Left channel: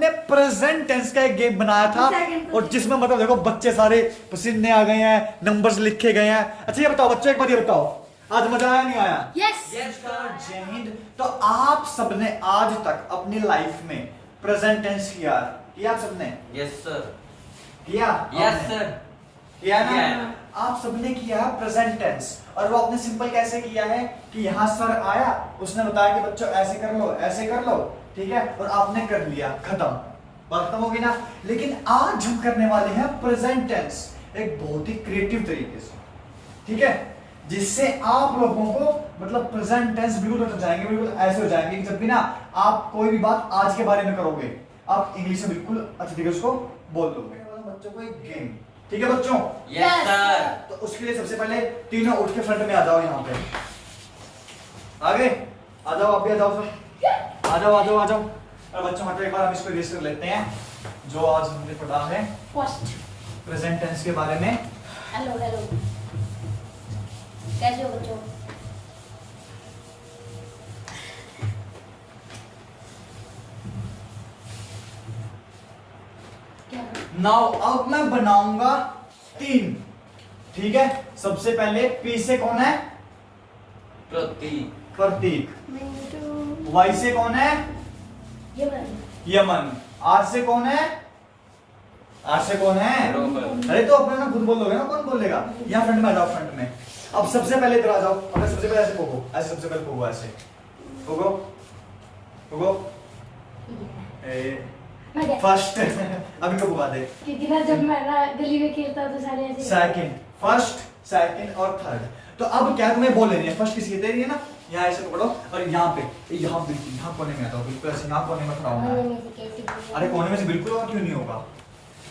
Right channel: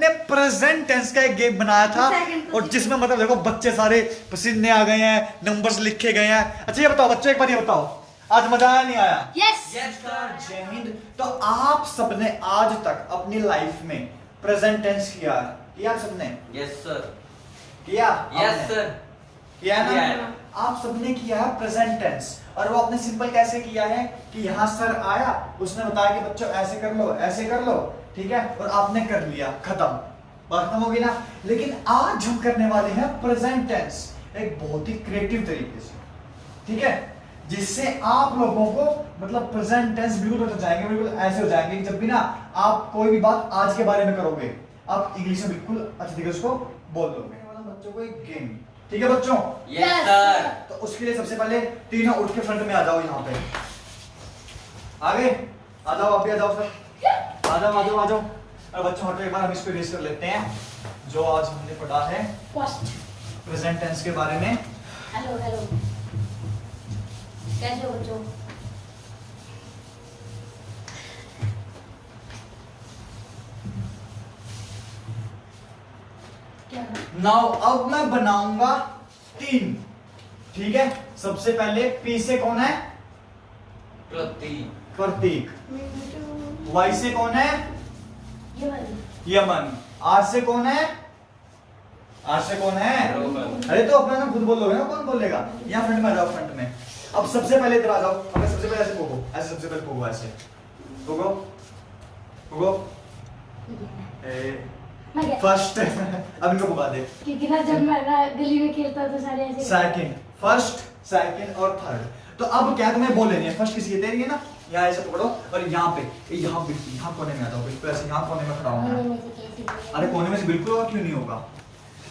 हमने present tense का एक गेम बनाया था और जिसमें मतलब देखो बच्चे सारे पसीने आ गए हैं, नंबर्स लिखे गए हैं। अच्छा ये बताओ बच्चों, एक बार ये बताओ, आज मजा आया नहीं आया? यस जय हिंद। तो आप सबने आज तक अपनी लाइफ में प्रेजेंट टेंस किया सबने? Yes sir. किया? Yes sir. किया ना? किया है। आप सबने किया है प्रेजेंट टेंस, और वो आपने सिंपल कैसे किया है कि यहाँ सर आया, उसने बताया कि बच्चों ऐसे कर लो, ऐसे कर लो, ठीक है, और आपने कर लिया, खत्म, बात खत्म होगी ना। लेकिन आज हम करने वाले हैं प्रेजेंट टेंस एक बहुत ही क्रिएटिव तरीके से, ठीक है, जिससे आप लोगों को मतलब प्रेजेंट टेंस बिल्कुल हो जाएंगे, बिल्कुल ऐसे हो जाएंगे कि जब भी ना आप कोई भी बात आज के बारे में करोगे, आप इंग्लिश में बिल्कुल अच्छे तरीके से उसको बोल दोगे। बच्चों को एक गेम, ठीक है बच्चों? Yes sir. तो उसके लिए सबसे पहले तीनों उठ के फ्रंट में आ जाओ, यहाँ पे आगे आ जाओ, आप भी आ जाओ, फिर आ जाओ आ जाओ आ जाओ। और बच्चों हटो, एक बार हम इसको रिवाइज कर लेते हैं जो आज हमने पढ़ा है फर्स्ट। प्रेजेंट टेंस के बारे में। हेलो हेलो, कैसे हो बच्चों? क्या नाउ अब मैं बनाऊंगा 3, ठीक है। सबसे पहले पी से कौन है? प्रतीक। प्रतीक। वाई से कौन है? ये वाली यमन। आर से कौन है? आर से कौन है? रोहन। अरे तो अपने ना खुद बोलोगे ना, कौन बोलेगा? यहाँ फ्रंट में आ जाओ, फ्रंट में। अब सबसे पहले इधर आ जाओ, अब सबसे पहले ऐसे पोगो, ऐसे सबसे पहले पोगो, ऐसे पोगो पोगो। मैं क्या? फर्स्ट अभी को पुगा दे। क्योंकि ना जब मैं ना गली में खेलता हूँ तो सारे ऐसे सेकंड, फर्स्ट, सेकंड और थर्ड। तो अब क्या तुम्हें बोल लेनी है? फर्स्ट किसी की तेरी है ना, यहाँ ऐसे पकड़ो और यहाँ पे, यहाँ बिल्कुल यहाँ कोने में आ जाओ, बिल्कुल ऐसे यहाँ कोने में खड़ा होना है। अरे कोने में से बिल्कुल होगा, क्यों नहीं होगा?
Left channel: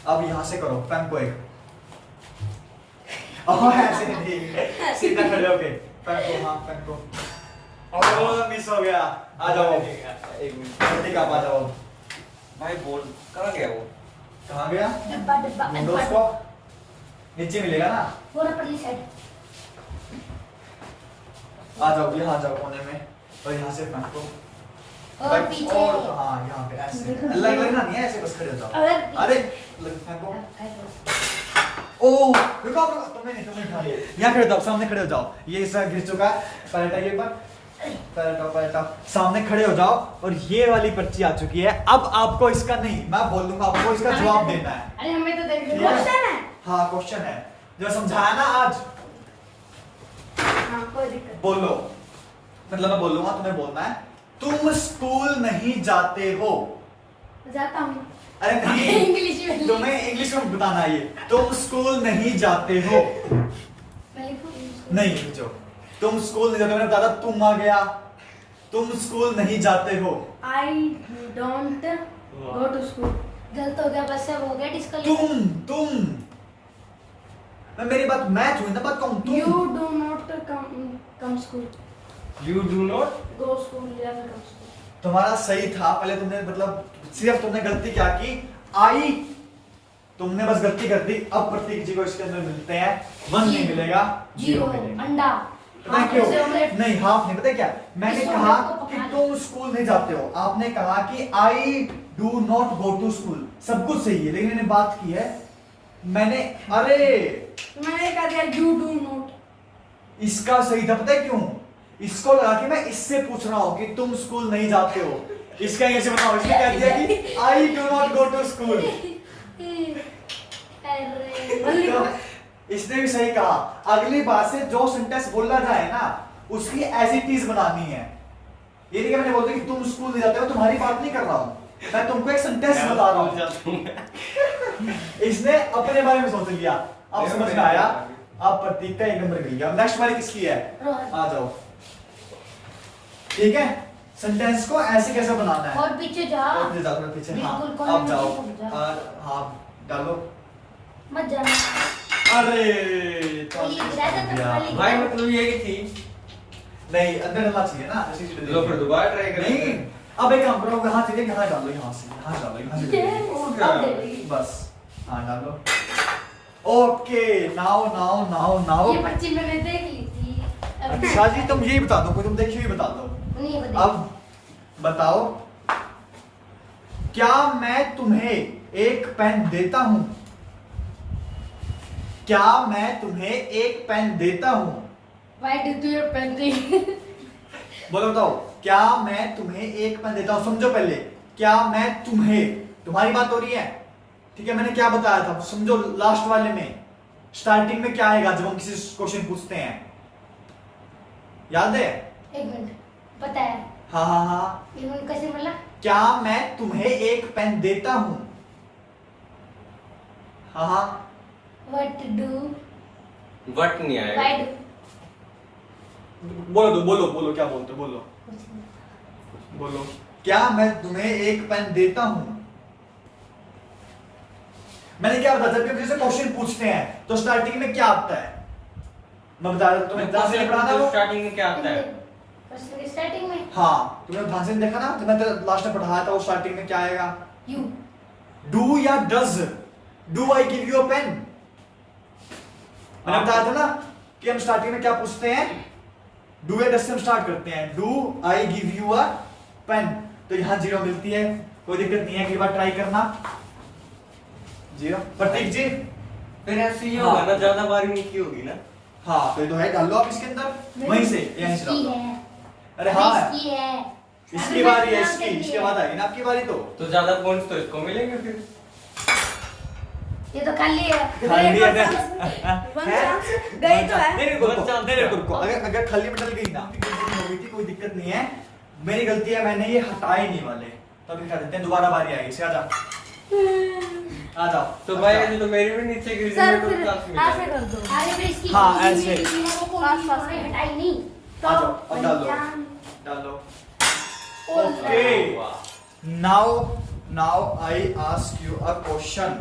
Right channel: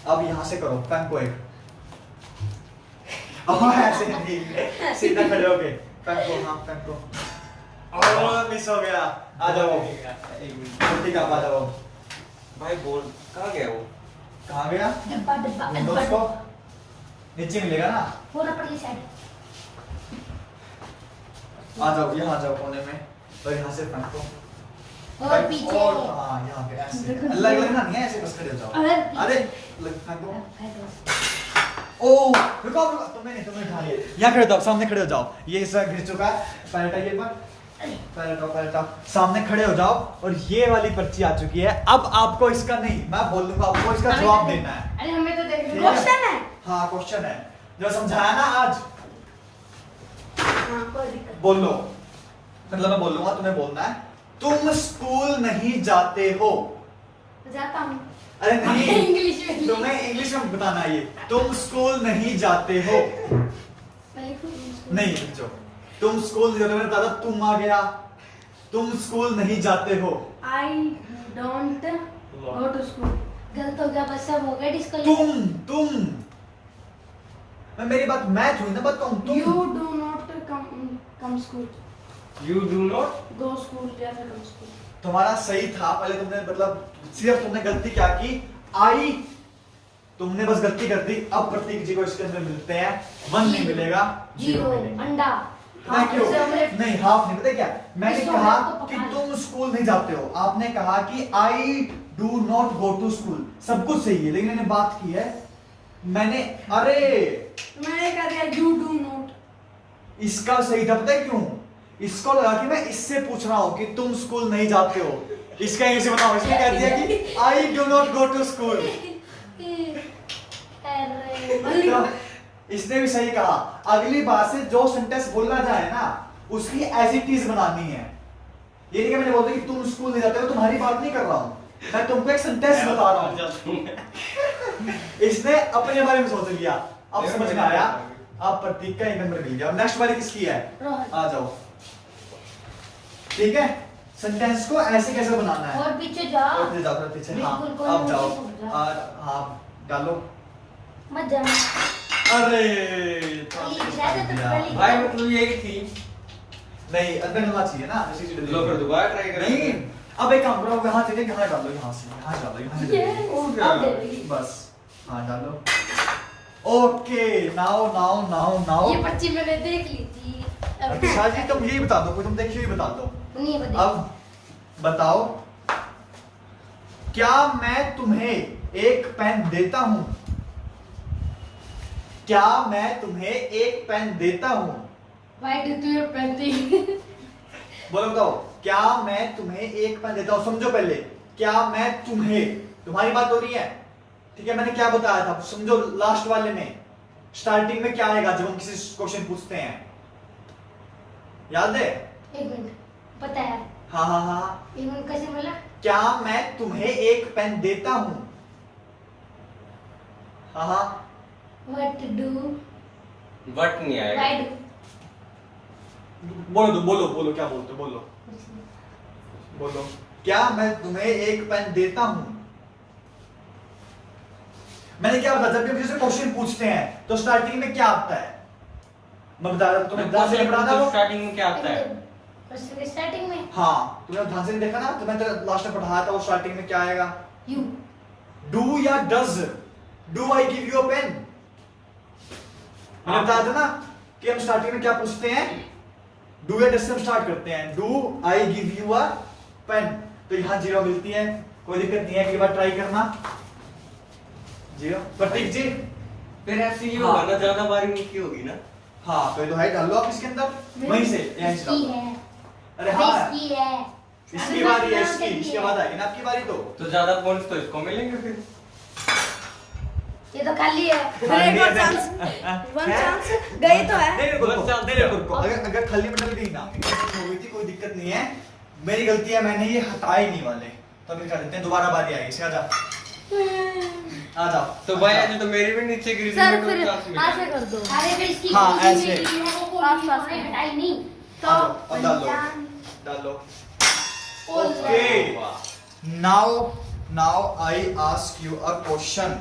अब यहाँ से करो, पेन को एक ऐसे नहीं, सीधा खड़े होके पेन को, हाँ पेन को। और मिस हो गया, आ जाओ एक मिनट, ठीक आप आ जाओ। भाई बोल कहाँ गया वो? कहाँ गया? डब्बा डब्बा विंडोज को नीचे मिलेगा ना, पूरा पतली साइड। आ जाओ यहाँ आ जाओ कोने में, और यहाँ से फ्रंट को और पीछे और हाँ यहाँ पे ऐसे अलग अलग ना, नहीं है ऐसे, बस खड़े हो जाओ। अरे फ्रंट को, ओ रुको रुको, तुमने उठा लिया, यहाँ खड़े हो जाओ, सामने खड़े हो जाओ, ये इस घिस चुका है, पलटा ये पर, पलटा, सामने खड़े हो जाओ। और ये वाली पर्ची आ चुकी है, अब आपको इसका नहीं, मैं बोल दूंगा आपको इसका जवाब देना है। अरे हमें तो देख ठीक है? क्वेश्चन है। हाँ क्वेश्चन है, जो समझाया ना आज, हाँ कोई दिक्कत बोलो, मतलब मैं बोलूंगा, तुम्हें बोलना है, तुम स्कूल नहीं जाते हो। जाता हूँ। अरे नहीं इंग्लिश में तुम्हें इंग्लिश में बताना है, ये तुम स्कूल नहीं जाते हो, मैं लिखूँ नहीं जो तुम स्कूल नहीं जाते हो, मैंने बताया था, तुम आ गया, तुम स्कूल नहीं जाते हो। I don't go to school. गलत हो गया, बस सब हो गया डिस्क्वालिफाई। तुम मैं मेरी बात मैच हुई ना, बात कहूं तुम। You do not come school. You do not। Go school या गो स्कूल। तुम्हारा सही था, पहले तुमने मतलब सिर्फ तुमने गलती क्या की, आई, तुमने बस गलती कर दी। अब प्रतीक जी को इसके अंदर मिलते हैं 1 नहीं मिलेगा, 0 मिलेगा। अंडा। पता है क्यों? हाफ से ऑमलेट। नहीं हाफ नहीं, पता है क्या, मैंने इस कहा ऑमलेट को कि पका तुम स्कूल नहीं जाते हो, आपने कहा कि I do not go to school, सब कुछ सही है, लेकिन मैंने बात की है, मैंने अरे मैंने कह दिया यू डू नॉट। इसका सही था, पता है क्यों? इसको लगा कि मैं इससे पूछ रहा हूं कि तुम स्कूल नहीं जाते हो, इसका ऐसे बताओ, इसने कह दिया कि I do not go to school. इसने भी सही कहा, अगली बार से जो सेंटेंस बोला जाए ना, उसकी एज इट इज बनानी है। ये नहीं कि मैंने बोल दिया कि तुम स्कूल नहीं जाते हो, तुम्हारी बात नहीं कर रहा हूं, मैं तुमको एक सेंटेंस बता रहा हूं। इसने अपने बारे में सोच लिया, अब समझ में आया, अब प्रतीक का 1 नंबर मिल गया। नेक्स्ट वाली किसकी है? आ जाओ, ठीक है, सेंटेंस को ऐसे कैसे बनाना है? और पीछे जाओ, और पीछे जाओ, थोड़ा पीछे, हाँ बिल्कुल, अब जाओ, कोई नहीं, और हाँ डालो। मत जाना। अरे भाई मतलब ये की थी। नहीं अंदर डालना चाहिए ना, ऐसी चीजें लो फिर दोबारा ट्राई करें। नहीं, अब एक काम करो, यहाँ चलिए, यहाँ डालो, यहाँ से, यहाँ डालो, यहाँ से अब दे दी। बस, हाँ डालो। ओके, नाउ ये बच्ची मैंने देख ली थी। अच्छा जी, तुम ये बता दो, तुम देखिए ये बता दो। नहीं बता। अब बताओ क्या मैं तुम्हें एक पेन देता हूं? क्या मैं तुम्हें एक पेन देता हूं? Why did you pen thing? बोलो बताओ, क्या मैं तुम्हें एक पेन देता हूं? समझो पहले, क्या मैं तुम्हें, तुम्हारी बात हो रही है, ठीक है? मैंने क्या बताया था, समझो लास्ट वाले में स्टार्टिंग में क्या आएगा जब हम किसी क्वेश्चन पूछते हैं, याद है? एक मिनट, पता है? हाँ हाँ हाँ, एक मिनट कैसे बोला? क्या मैं तुम्हें एक पेन देता हूं? हाँ हाँ, What do? वट नहीं आएगा। Why do? बोलो बोलो बोलो, क्या बोलते हो? बोलो बोलो, क्या मैं तुम्हें एक पेन देता हूं? मैंने क्या बताया, जब भी हम किसी से क्वेश्चन पूछते हैं तो स्टार्टिंग में क्या आता है? मैं बता रहा हूं, तुम्हें ध्यान से पढ़ा था वो। स्टार्टिंग में क्या आता है? प्रश्न के स्टार्टिंग में हाँ, तुमने ध्यान से नहीं देखा ना, तो मैं तो लास्ट में पढ़ाया था, वो स्टार्टिंग में क्या आएगा? you. डू या does? Do I give you a pen? मैंने बताया था ना कि हम स्टार्टिंग में क्या पूछते हैं, डू या डज से हम स्टार्ट करते हैं। Do I give you a pen, तो यहां जीरो मिलती है, कोई दिक्कत नहीं है, अगली बार ट्राई करना। जीरो, प्रतीक जी। फिर ऐसे ही हाँ। होगा ना, ज्यादा बारी नहीं की होगी ना। हाँ, फिर तो है, डाल लो आप इसके अंदर, वहीं से यहीं से इसकी डालो। है, अरे हाँ, इसकी है। इसकी बारी है, नाम इसकी, कर इसके दिया। बाद आएगी ना आपकी बारी। तो ज्यादा पॉइंट्स तो इसको मिलेंगे फिर। ये तो खाली है। खाली है। वन चांस गई तो है। नहीं रुको, नहीं रुको, अगर खाली में डल गई ना, हो गई थी, कोई दिक्कत नहीं है, मेरी गलती है, मैंने ये हटाए नहीं वाले, तो अभी कर देते हैं, दोबारा बारी आएगी। इसे आ जाओ, आ जाओ। तो भाई आज तो मेरी भी नीचे गिर सर गई, फिर क्लास में ऐसे कर दो। अरे फिर इसकी हाँ, इसकी ऐसे। मेरी है, वो कौन सी है, हटाई नहीं तो आ जाओ, अब डाल लो, पंचान- डाल लो। ओल Okay. वाह। Now I ask you a question.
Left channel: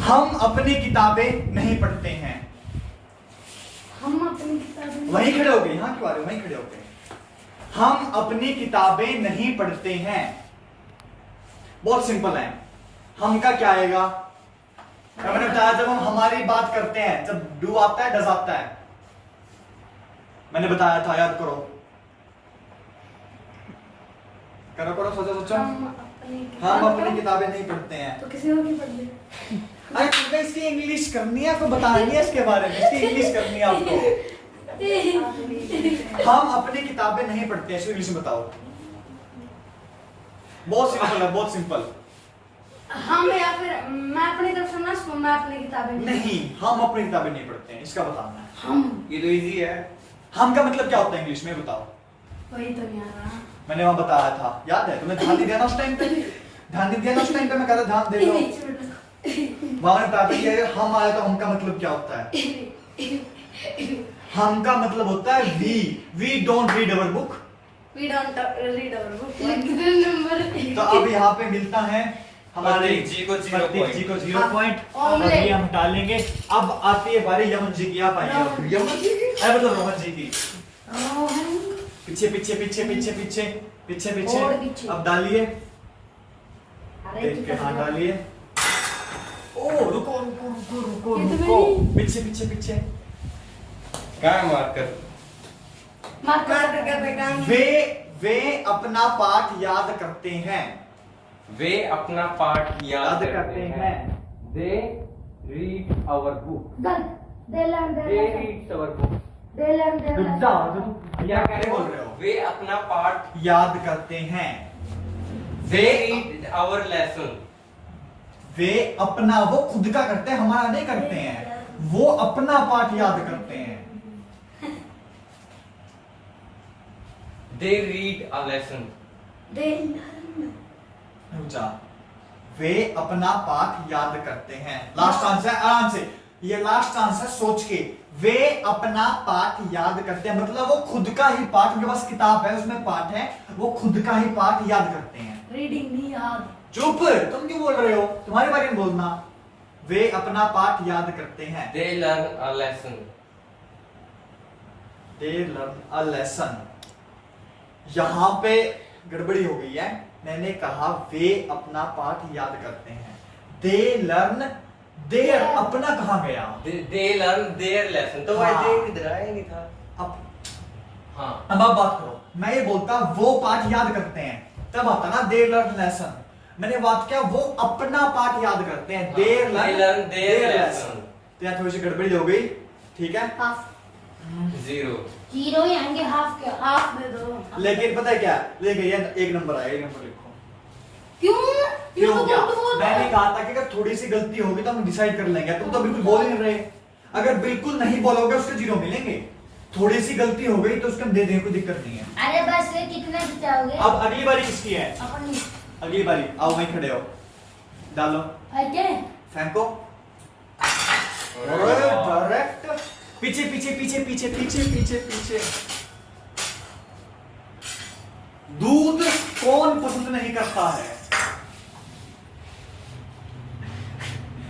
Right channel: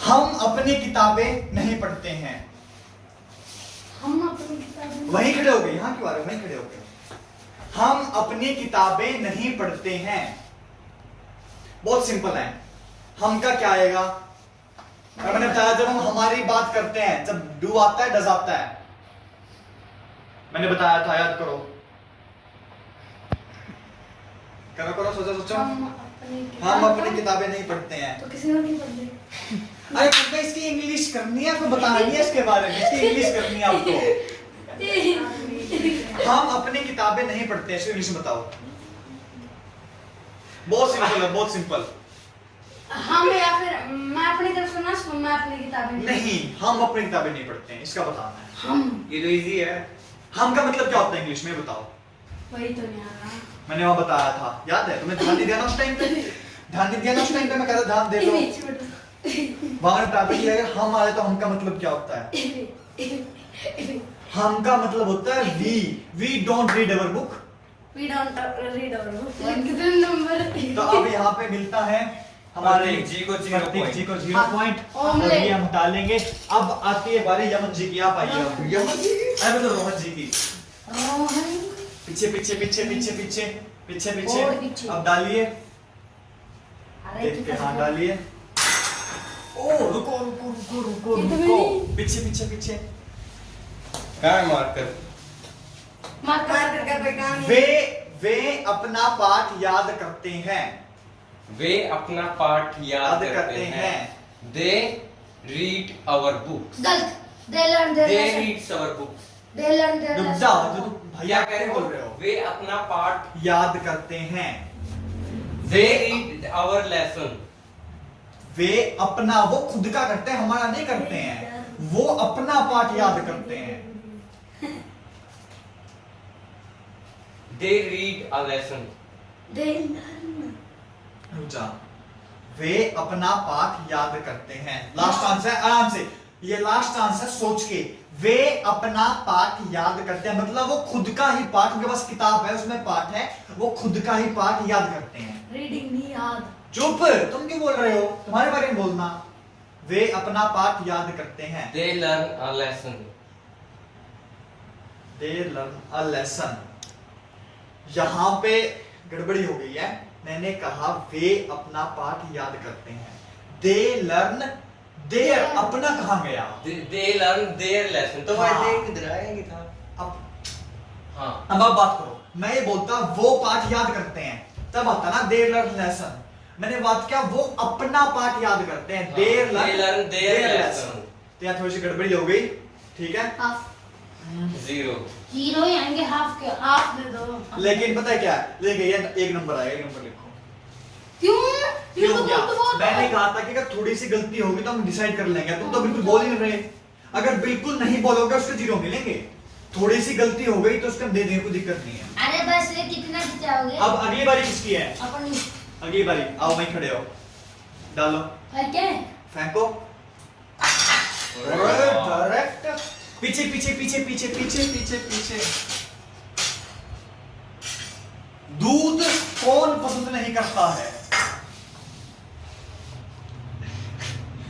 हम अपनी किताबें नहीं पढ़ते हैं। हम अपनी किताबें वहीं खड़े हो गए, यहाँ क्यों आ रहे हो? वहीं खड़े हो गए। हम अपनी किताबें नहीं पढ़ते हैं। बहुत सिंपल है। हम का क्या आएगा? मैंने बताया, जब हम हमारी बात करते हैं, जब डू आता है, डज आता है, मैंने बताया था, याद करो, करो करो, सोचो सोचो। हम अपनी किताबें नहीं पढ़ते हैं। तो किसी ने नहीं पढ़ी। अरे तुमको इसकी इंग्लिश करनी है, आपको बतानी है इसके बारे में, इसकी इंग्लिश करनी है आपको। हम अपनी किताबें नहीं पढ़ते हैं, इसकी इंग्लिश में बताओ। बहुत सिंपल है, बहुत सिंपल। हम या फिर मैं अपनी तरफ से ना सुन, मैं अपनी किताबें नहीं, हम अपनी किताबें नहीं पढ़ते हैं, इसका बताना है। हम ये तो इजी है। हम का मतलब क्या होता है इंग्लिश में, बताओ। वही तो नहीं आ रहा। मैंने वहां बताया था, याद है? तुमने ध्यान नहीं दिया ना उस टाइम पे? ध्यान नहीं दिया ना उस टाइम पे? मैं कह रहा ध्यान दे लो। वहां मैंने बताया था कि हम आए तो हम का मतलब क्या होता है? हम का मतलब होता है we don't read our book. We don't read our book. कितने नंबर? तो अब यहाँ पे मिलता है हमारे प्रतीक जी को 0 प्रतीक जी को 0 पॉइंट, और ऑमलेट। ये हम हटा लेंगे। अब आती है बारी यमन जी की। आप आइए अब। यमन जी की, अरे बताओ रोहन जी की। पीछे पीछे पीछे पीछे पीछे पीछे और पीछे। पीछे। अब डालिए, अरे देख के कितना हाँ डालिए। ओ रुको रुको रुको रुको कितने रुको, में? पीछे पीछे पीछे। कहाँ है मार्कर? मार्कर का कोई काम नहीं। वे अपना पाठ याद करते हैं। वे अपना पाठ याद करते हैं। They read our books. गलत। They learn their they lesson. Reads our books. They learn their रुक lesson. जाओ, जो तुम भैया कह रहे बोल रहे हो। वे अपना पाठ याद करते हैं। They read our lesson. वे अपना, वो खुद का करते हैं, हमारा नहीं करते हैं। वो अपना पाठ याद करते हैं। They read a lesson. They learn. रुक जा। वे अपना पाठ याद करते हैं। लास्ट आंसर, आराम से, ये लास्ट आंसर सोच के। वे अपना पाठ याद करते हैं, मतलब वो खुद का ही पाठ, उनके पास किताब है उसमें पाठ है, वो खुद का ही पाठ याद करते हैं। Reading नहीं याद। चुप, तुम क्यों बोल रहे हो? तुम्हारे बारे में बोलना। वे अपना पाठ याद करते हैं। They learn a lesson. They learn a lesson. यहां पे गड़बड़ी हो गई है। मैंने कहा वे अपना पाठ याद करते हैं। दे लर्न देयर, अपना कहां गया? They learn their lesson. तो भाई हाँ। दे किधर आया? नहीं था। अब हाँ। अब आप बात करो। मैं ये बोलता वो पाठ याद करते हैं, तब आता ना दे लर्न लेसन। मैंने बात किया वो अपना पाठ याद करते हैं, देर They learn their lesson. तो यहाँ थोड़ी सी गड़बड़ी हो गई, ठीक है। हाफ 0. जीरो ही आएंगे, हाफ क्या, हाफ दे दो। लेकिन पता है क्या, लेकिन ये एक नंबर आया, एक नंबर लिखो। क्यों? ये क्यों तो क्या? गलत होता है। मैंने कहा था कि अगर थोड़ी सी गलती होगी तो हम डिसाइड कर लेंगे, तुम तो बिल्कुल बोल ही नहीं रहे। अगर बिल्कुल नहीं बोलोगे उसके 0 मिलेंगे, थोड़ी सी गलती हो गई तो उसका दे देने कोई दिक्कत नहीं है। अरे बस कितना खिंचाओगे? अब अगली बारी किसकी है? अपनी। अगली बारी आओ, वहीं खड़े हो, डालो, और क्या? फेंको। डायरेक्ट पीछे पीछे पीछे पीछे पीछे पीछे पीछे। दूध कौन पसंद नहीं करता है?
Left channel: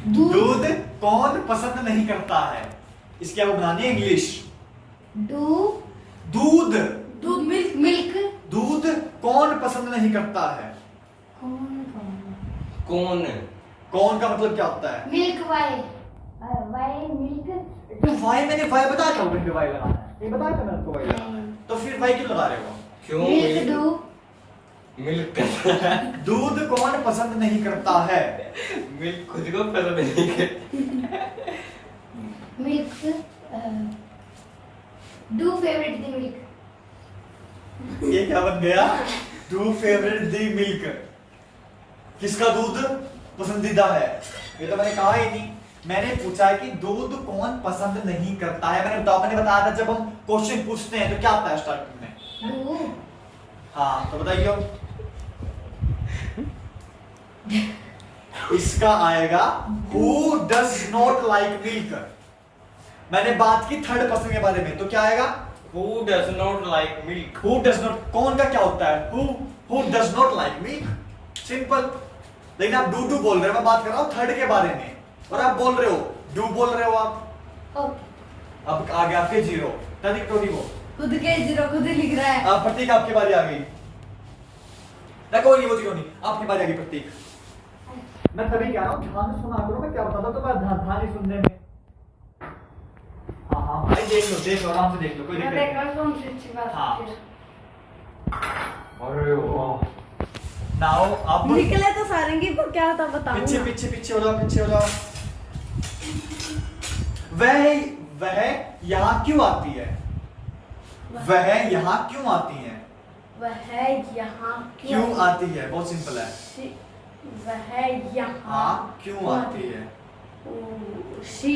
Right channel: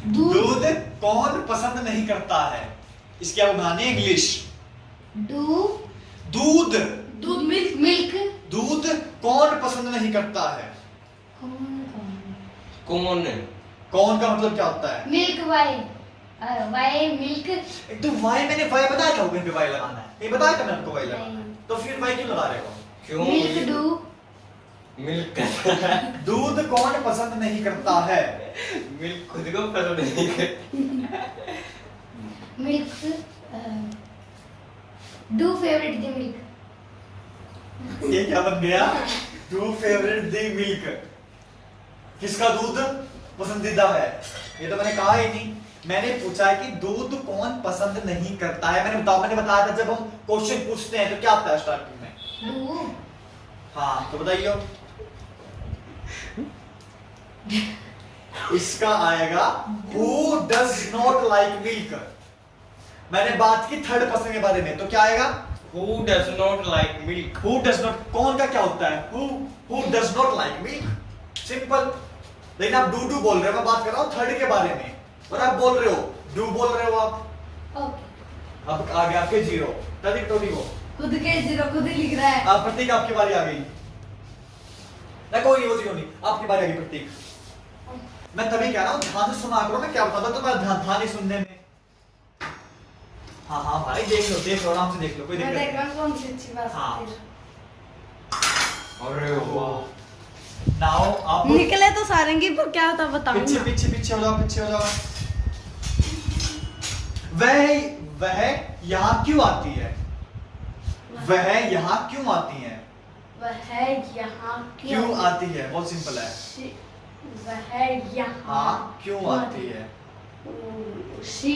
दूध कौन पसंद नहीं करता है? इसकी आपको बनानी है इंग्लिश। दूध दूध मिल्क मिल्क। दूध कौन पसंद नहीं करता है? कौन? कौन का मतलब क्या होता है? Milk why, why milk. एक तो वाई, मैंने वाई बताया था, ऊपर वाई लगाना है, ये बताया था मैंने आपको वाई लगाना है, तो फिर वाई क्यों लगा रहे हो? क्यों? Milk do. मिल्क दूध कौन पसंद नहीं करता है? मिल्क खुद को पसंद नहीं करता। Milk do favourite the milk. ये क्या बन गया? Do favourite the milk. किसका दूध पसंदीदा है? ये तो मैंने कहा ही नहीं। मैंने पूछा है कि दूध कौन पसंद नहीं करता है। मैंने बताया था जब हम क्वेश्चन पूछते हैं तो क्या आता है स्टार्टिंग में? डू। हाँ तो बताइए। इसका आएगा who does not like milk। मैंने बात की थर्ड पर्सन के बारे में, तो क्या आएगा? Who does not like milk? Who does not, कौन का क्या होता है? Who does not like milk। Simple. लेकिन आप डू बोल रहे हो, मैं बात कर रहा हूँ थर्ड के बारे में, और आप बोल रहे हो डू बोल रहे हो आप। ओके। अब आ गया आपके 0, तभी टोटी को खुद के जीरो खुद ही लिख रहा है। आप प्रतीक, आपकी बारी आ गई ना, कोई नहीं वो 0 नहीं, आपकी बारी आ गई प्रतीक। मैं तभी कह रहा हूँ ध्यान से सुना करो, मैं क्या बताता तो मैं ध्यान ही सुनने में। हाँ हाँ भाई देख लो आराम से देख लो, कोई मैं दिक्कत देख रहा हूँ कौन सी अच्छी बात हाँ। है। अरे वाह। नाउ आप निकले तो सारंगी पर क्या था बताऊं। पीछे पीछे पीछे हो जाओ, पीछे हो जाओ। वह यहाँ क्यों आती है? वह यहाँ क्यों आती है? वह यहाँ क्यों आती है? बहुत सिंपल है। वह यहाँ हाँ क्यों आती है? She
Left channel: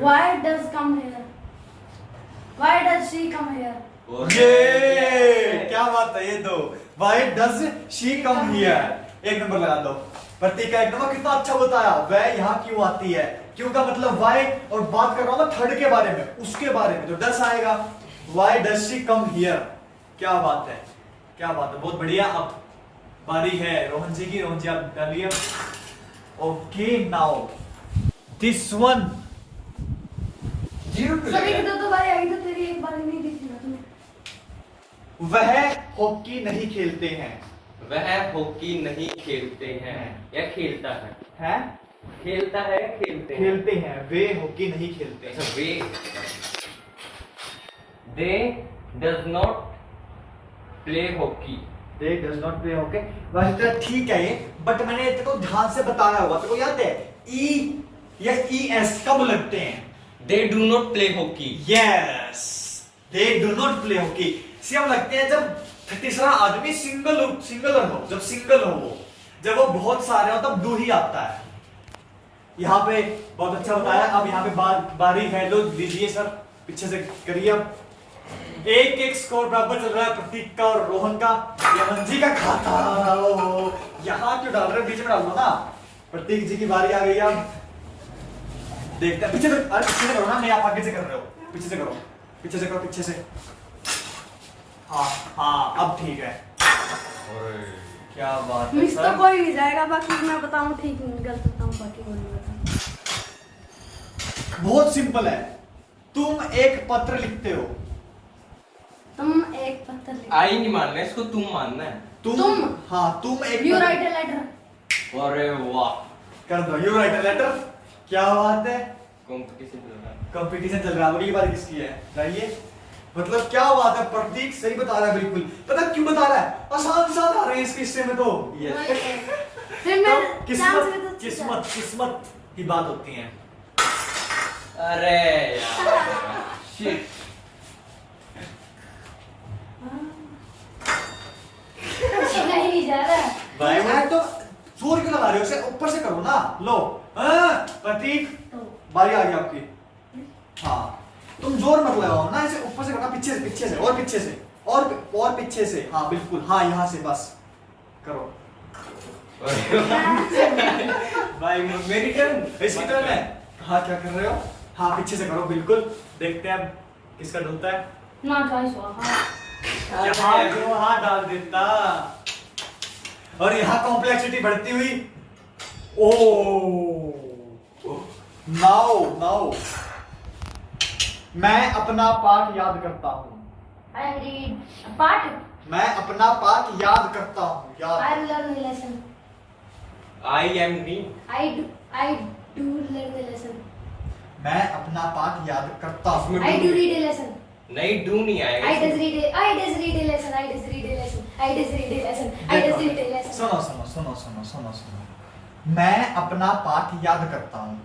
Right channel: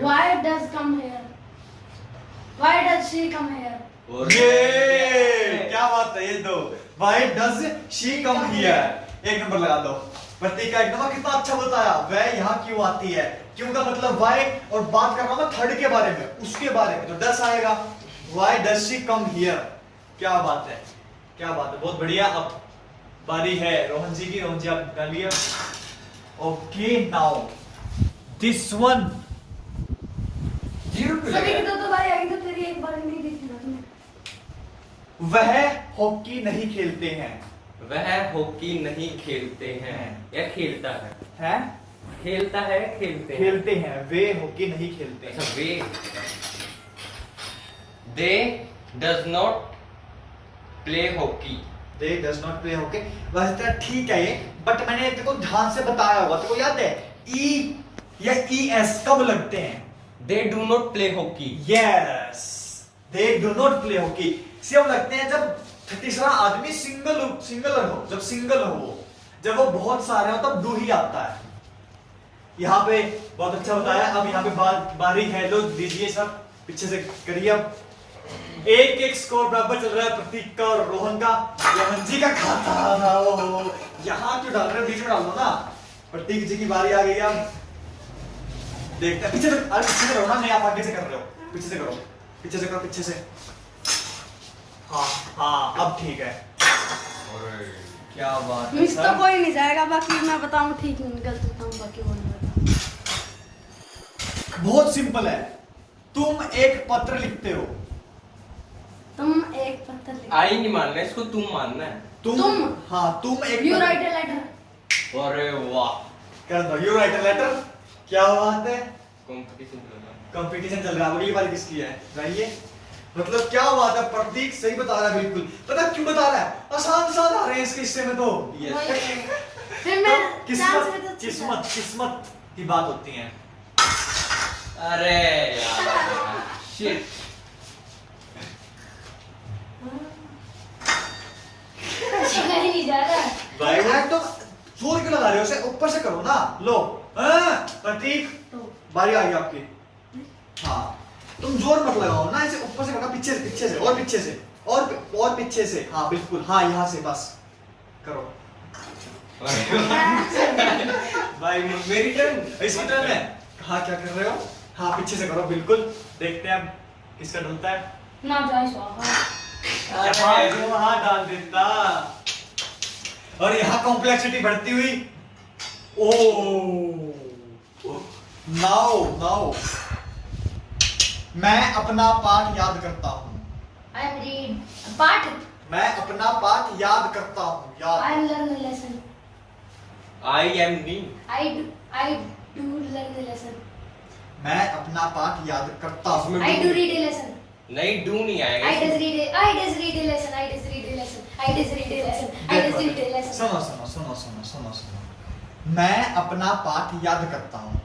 why does come here? Why does she come here? ये क्या बात है, ये दो Why does she come here? एक नंबर लगा दो। प्रतीक का एक नंबर, कितना अच्छा बताया। वह यहाँ क्यों आती है, क्यों का मतलब why, और बात कर रहा हूँ मैं थर्ड के बारे में, उसके बारे में, तो does आएगा। Why does she come here? क्या बात है, क्या बात है, बहुत बढ़िया। अब बारी है रोहन जी की। रोहन जी आप डालिए। Okay now this one. सभी की दो बार आई तो तेरी एक बार नहीं दिखी ना तुम्हें। वह हॉकी नहीं खेलते हैं। वह हॉकी नहीं खेलते हैं या खेलता है? हैं? खेलता है, खेलते हैं। खेलते हैं, वे हॉकी नहीं खेलते हैं। अच्छा, वे they does not play hockey। They does not play hockey। वैसे तेरा ठीक है ये, बट मैंने तेरे को ध्यान से बताया होगा, तेरे को याद है ई या ES कब लगते हैं? They do not play hockey। Yes, they do not play hockey। सिर्फ लगते हैं जब तीसरा आदमी सिंगलर हो, जब सिंगल हो वो, जब वो बहुत सारे हो तब डू ही आता है। यहाँ पे बहुत अच्छा बताया। अब यहाँ पे बारी है, लो दीजिए सर, पीछे से करिए। अब 1-1 स्कोर बराबर चल रहा है प्रतीक का और रोहन का। रोहन जी का खाता यहाँ क्यों डाल रहे हो, बीच में डाल दो ना। प्रतीक जी की बारी आ गई। अब देखते हैं, पीछे से, अरे पीछे से करो ना, नहीं आप आगे से कर रहे हो, पीछे से करो, पीछे से करो, पीछे से। हाँ हाँ अब ठीक है। क्या बात है मिस तो सर। कोई नहीं जाएगा, बाकी मैं बताऊं ठीक गलत बताऊं बाकी कोई नहीं बताऊं। बहुत सिंपल है। तुम एक पत्र लिखते हो। तुम एक पत्र लिख। आई नहीं मानना है इसको, तुम मानना है। तुम? हाँ तुम एक यू राइट ए लेटर। अरे वाह, कर दो, यू राइट अ लेटर। क्या बात है, कंपटीशन चल रहा है। कंपटीशन चल रहा है। अगली बारी किसकी है बताइए? मतलब क्या बात है, प्रतीक सही बता रहा है बिल्कुल। पता है क्यों बता रहा है, आसान आ रहे हैं इस किस्से में तो। फिर मैं तो किस्मत की बात होती है। अरे यार शिट। शिकायत नहीं जा रहा है। भाई मैं तो जोर क्यों लगा रहे हो, उसे ऊपर से करो ना। लो प्रतीक तो बारी आ गई आपकी। हाँ तुम जोर मत लगाओ ना, इसे ऊपर से करना, पीछे से और पीछे से और पीछे से। हाँ बिल्कुल, हाँ यहाँ से बस करो। भाई मेरी टर्न। इसकी टर्न है। हाँ क्या कर रहे हो, हाँ पीछे से करो बिल्कुल। देखते हैं अब किसका डुलता है। ना जाए स्वाहा। यहाँ क्यों हाथ डाल देता। और यहाँ कॉम्प्लेक्सिटी बढ़ती हुई। ओ नाउ मैं अपना पाठ याद करता हूँ। I read पाठ। मैं अपना पाठ याद करता हूँ। I याद learn a lesson. I am me. I do learn a lesson. मैं अपना पाठ याद करता हूँ। I do read a lesson. नहीं डू नहीं आएगा। I does read a lesson. I does read a lesson. I does read a lesson. I does read a lesson. सुनो। मैं अपना पाठ याद करता हूँ।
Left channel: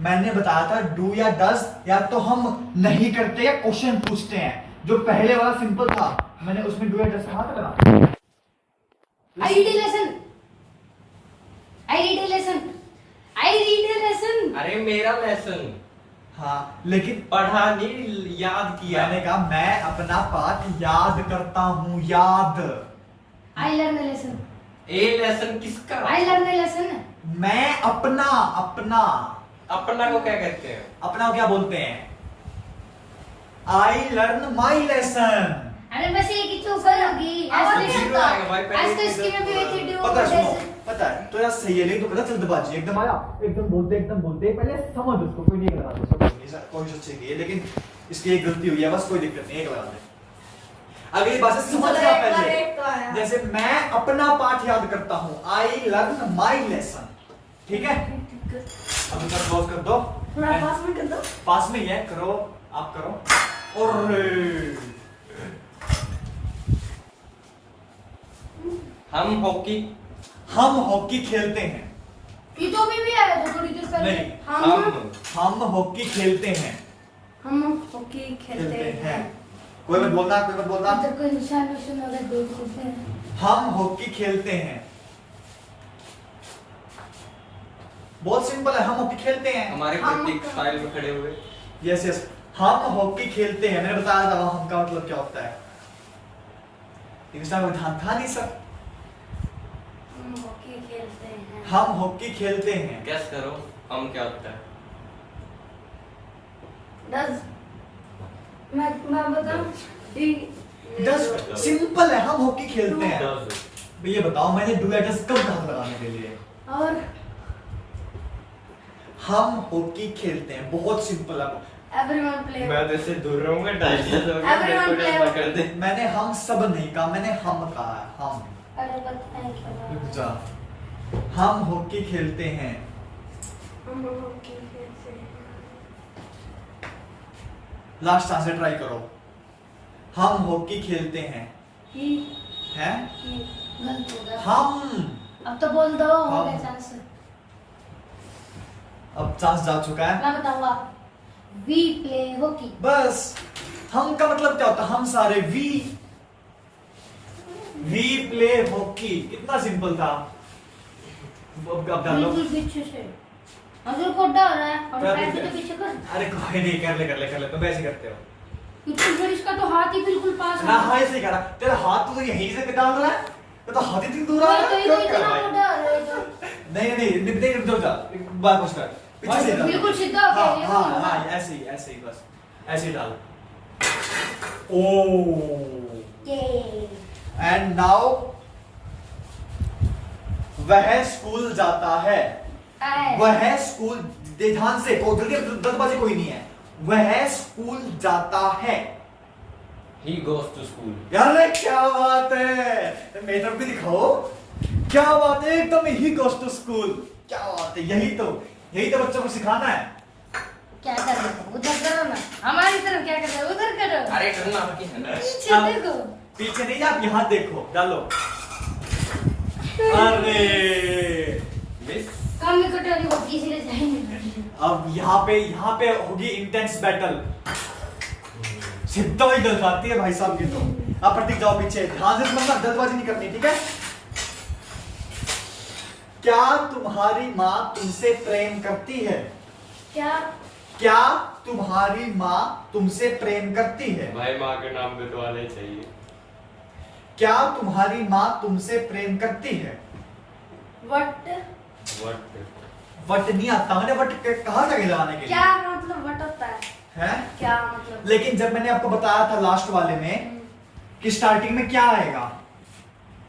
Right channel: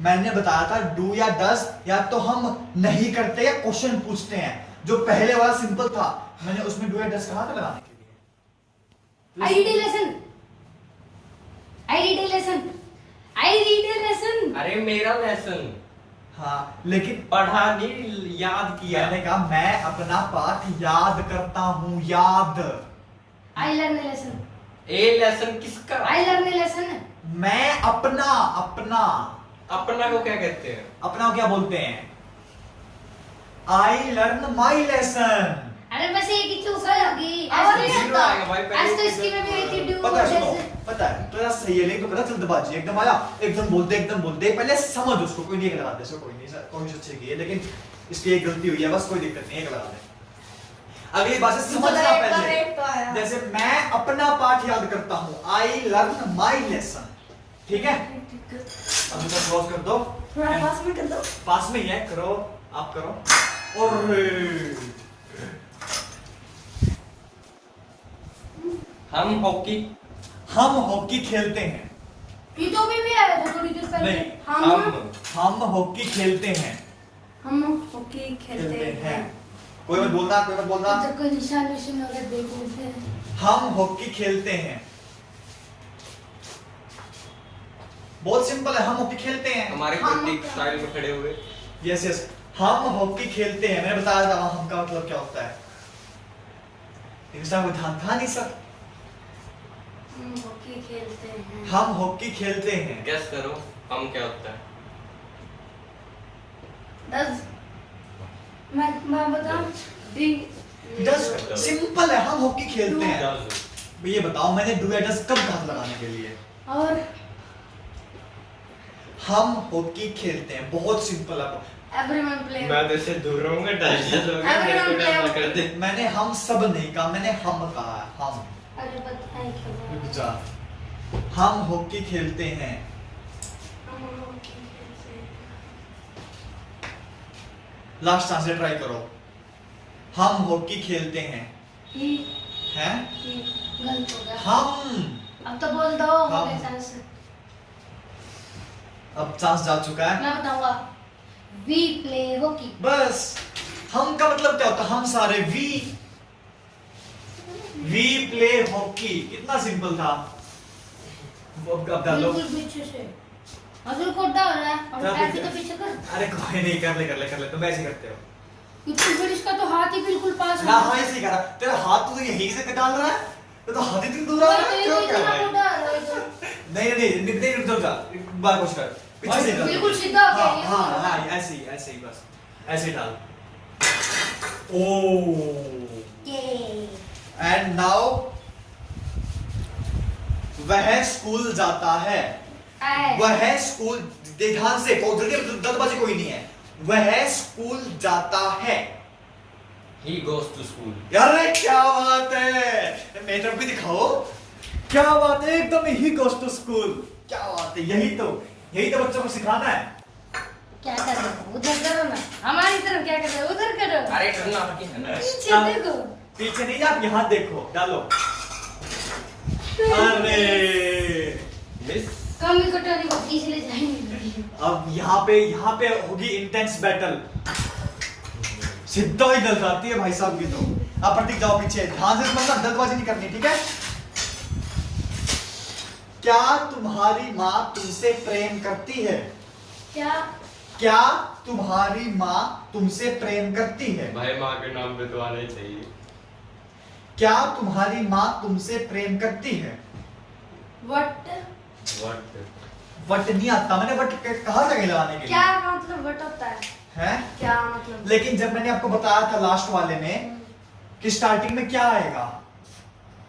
मैंने बताया था डू या डज, या तो हम नहीं करते या क्वेश्चन पूछते हैं। जो पहले वाला सिंपल था, मैंने उसमें डू या डज कहा था लगाने। I read a lesson. I read a lesson. I read a lesson. अरे मेरा लेसन हाँ लेकिन पढ़ा नहीं, याद किया। मैंने कहा मैं अपना पाठ याद करता हूँ। याद I learn a lesson. A lesson किसका? I learn a lesson. मैं अपना अपना को क्या कहते हैं? अपना क्या बोलते हैं? I learn my lesson. अरे वैसे ये की चूकल होगी। आज तो ऐसे zero आएगा भाई, पहले आज तो ही इसकी में भी आई थी do पता है, सुनो जैसे। पता है तो यार सही है, नहीं तो गलत जल्दबाजी एकदम आया, एकदम बोल दे पहले समझ उसको, कोई नहीं लगा दे, सब कोई सोचे की है, लेकिन इसकी एक गलती हुई है बस, कोई दिक्कत नहीं, एक लगा दे। अगली बात से समझ जा पहले। जैसे मैं अपना पाठ याद करता हूँ, आई लर्न माई लेसन। ठीक है, अब इसे क्लोज कर दो। थोड़ा पास में कर दो। पास में ही है, करो आप करो। और हम हॉकी खेलते हैं। ये तो भी आया था थोड़ी देर पहले। नहीं, हम हॉकी खेलते हैं। हम हॉकी खेलते हैं। कोई मत बोलना, कोई मत बोलना। जब कोई निशान विशान अगर देख लेते हैं। हम हॉकी खेलते हैं। बहुत सिंपल है, हम हॉकी खेलते हैं। हमारे प्रतीक स्टाइल में खड़े हुए। यस यस, हम हॉकी खेलते हैं। मैंने बताया था हम का मतलब क्या होता है, इसका ध्यान था नहीं सर। हम हॉकी खेलते हैं। हम हॉकी खेलते हैं। गेस करो हम क्या होता है? मैं बताऊं? डी डस सिंपल है, हम हॉकी खेलते हैं। Does। ये बताओ मैंने डू या डस कब कहा था लगाने के लिए? और हम हॉकी खेलते हैं, बहुत सिंपल है। Everyone play. मैं तो इससे दूर रहूंगा, Everyone play। कर दे। मैंने हम सब नहीं कहा, मैंने हम कहा है, हम। अरे बताएं क्या रुक बात? जा। हम हॉकी खेलते हैं। हम हॉकी खेलते हैं। लास्ट चांस से ट्राई करो। हम हॉकी खेलते हैं। ही हैं? गलत हो गया। हम। अब तो बोल दो हो हम। गया चांस। अब चांस जा चुका है। मैं बताऊंगा। We play hockey. बस हम का मतलब क्या होता है? हम सारे वी प्ले हॉकी। कितना सिंपल था। अब डालो। बिल्कुल पीछे से। अजय कोड्डा हो रहा है और क्या पैर पीछे? तो पीछे कर। अरे कोई नहीं, कर ले, तुम ऐसे करते हो। क्योंकि फिर इसका तो हाथ ही बिल्कुल पास हाँ हाँ ऐसे ही करा। तेरा हाथ तो यहीं से डाल रहा है, ये तो हाथ ही दूर आ रहा तो है। ये क्यों तो कर इतना रहा है? मोटा हो रहा है तो। नहीं रुक जा, एक बार कुछ कर, पीछे से डाल। बिल्कुल सीधा हो गया, ये हाँ तो हाँ ऐसे ही बस, ऐसे ही डाल। ओ ये एंड नाउ वह स्कूल जाता है। वह स्कूल, ध्यान से, जल्दबाजी कोई नहीं है। वह स्कूल जाता है। He goes to school। यार रे क्या बात है, मेरी तरफ भी दिखाओ। क्या बात है, एकदम ही गोस टू स्कूल। क्या बात है, यही तो बच्चों को सिखाना है। क्या कर रहे हो? उधर करो ना, हमारी तरफ क्या कर रहे हो? उधर करो, अरे करना आपकी है ना। पीछे देखो। पीछे नहीं, आप यहाँ देखो, डालो। अरे Yes. कम कटोरी होगी इसलिए जाएंगे। अब यहाँ पे होगी इंटेंस बैटल। सीधा ही गल खाती है भाई साहब की तो। आप प्रतीक जाओ पीछे, ध्यान से मतलब जल्दबाजी नहीं करनी, ठीक है? क्या तुम्हारी माँ तुमसे प्रेम करती है? क्या? क्या तुम्हारी माँ तुमसे प्रेम करती है? भाई माँ के नाम पे तो आने चाहिए। क्या तुम्हारी माँ तुमसे प्रेम करती है? वट? वट नहीं आता, मैंने वट कहा था लगाने के लिए। क्या का मतलब वट होता है? है? क्या मतलब? लेकिन जब मैंने आपको बताया था लास्ट वाले में कि स्टार्टिंग में क्या आएगा,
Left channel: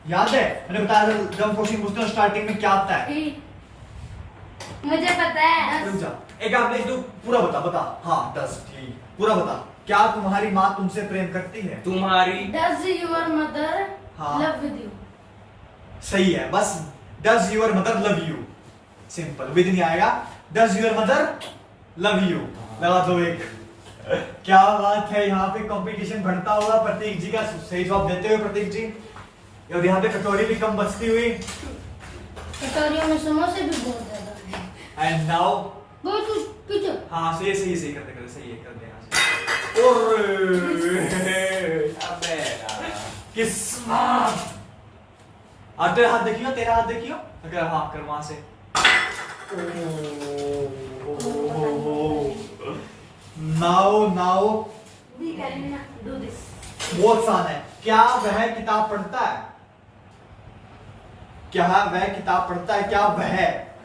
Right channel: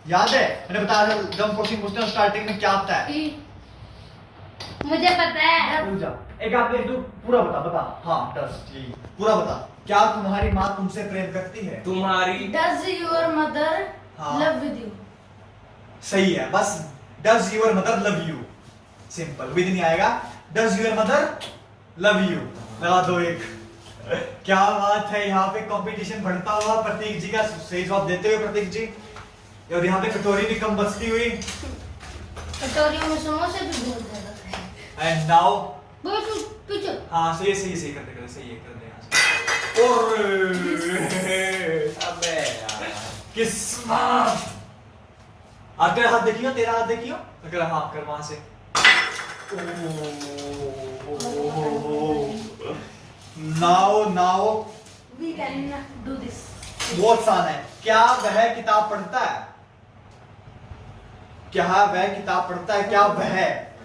याद है? मैंने बताया था जब हम क्वेश्चन पूछते हैं स्टार्टिंग में क्या आता है। मुझे पता है। रुक जा, एक आप लिख दो, पूरा बता। हाँ 10, ठीक, पूरा बता। क्या तुम्हारी माँ तुमसे प्रेम करती है? तुम्हारी Does your mother हाँ। love with you? सही है, बस does your mother love you, simple, with नहीं आएगा। Does your mother love you लगा दो एक। क्या बात है, यहाँ पे कंपटीशन बढ़ता हुआ प्रतीक जी का सही जवाब देते हुए प्रतीक जी, और यहाँ पे कटोरी भी कम बचती हुई। कटोरियों में समोसे भी बहुत ज्यादा है। एंड नाउ बहुत पीछे। हाँ सही कर दे सही है, कर दे यहाँ से। और अबे यार। किस्मत। तेरा हाथ देखियो, तेरा हाथ देखियो, अगर हाँ कर वहां से। Now We can do this. बहुत आसान है। क्या वह किताब पढ़ता है? क्या वह किताब पढ़ता है? क्या वह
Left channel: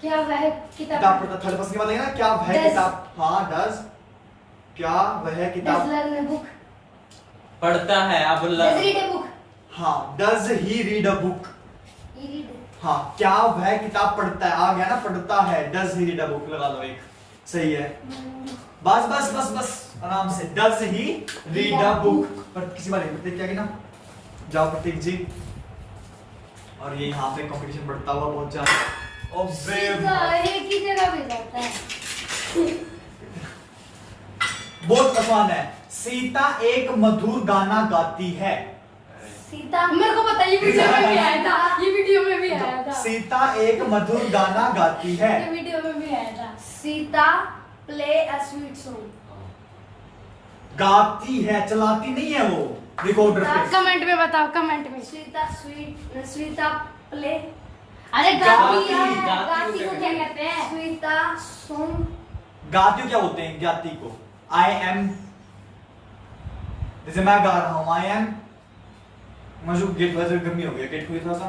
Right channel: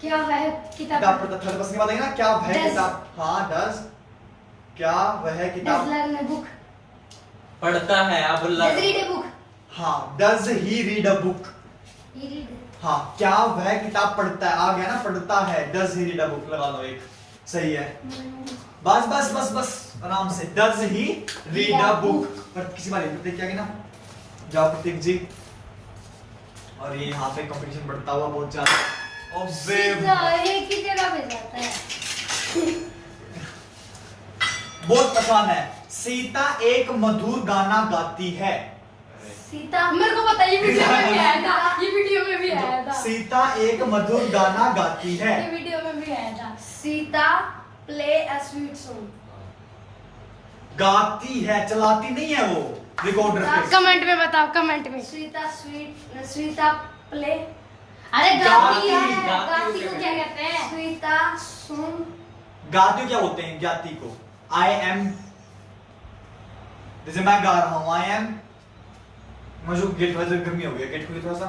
क्या वह किताब किताब पढ़ता? थर्ड पर्सन की बात है ना, क्या वह Does. किताब, हाँ डज, क्या वह does किताब learn a book? पढ़ता है अब Does read a book? हाँ does he read a book. He read. हाँ क्या वह किताब पढ़ता है, आ गया ना, पढ़ता है, does he read a book लगा लो एक, सही है। बस आराम से, does he read a book. पर किसी बार प्रतीक क्या ना, जाओ प्रतीक जी। और ये यहाँ पे कंपटीशन बढ़ता हुआ बहुत ज्यादा। सीधा एक ही जगह पे जाता है। बहुत आसान है। सीता एक मधुर गाना गाती है। सीता, मेरे को पता है, ये वीडियो में भी आया था, ये वीडियो में भी आया था, सीता एक मधुर गाना गाती है। ये वीडियो में भी आया था। Sita play a sweet song. गाती है, चलाती नहीं है वो रिकॉर्डर पे। कमेंट में बताओ, कमेंट में। सीता प्ले, अरे गाती, गाती है, गाती गाती को को क्या कहते हैं? सीता सॉन्ग। गाती को क्या बोलते हैं? गाती को आई एम, जैसे मैं गा रहा हूँ आई एम, मुझे गेट वजह गर्मी हो गई है, गेट खोलिए थोड़ा सा,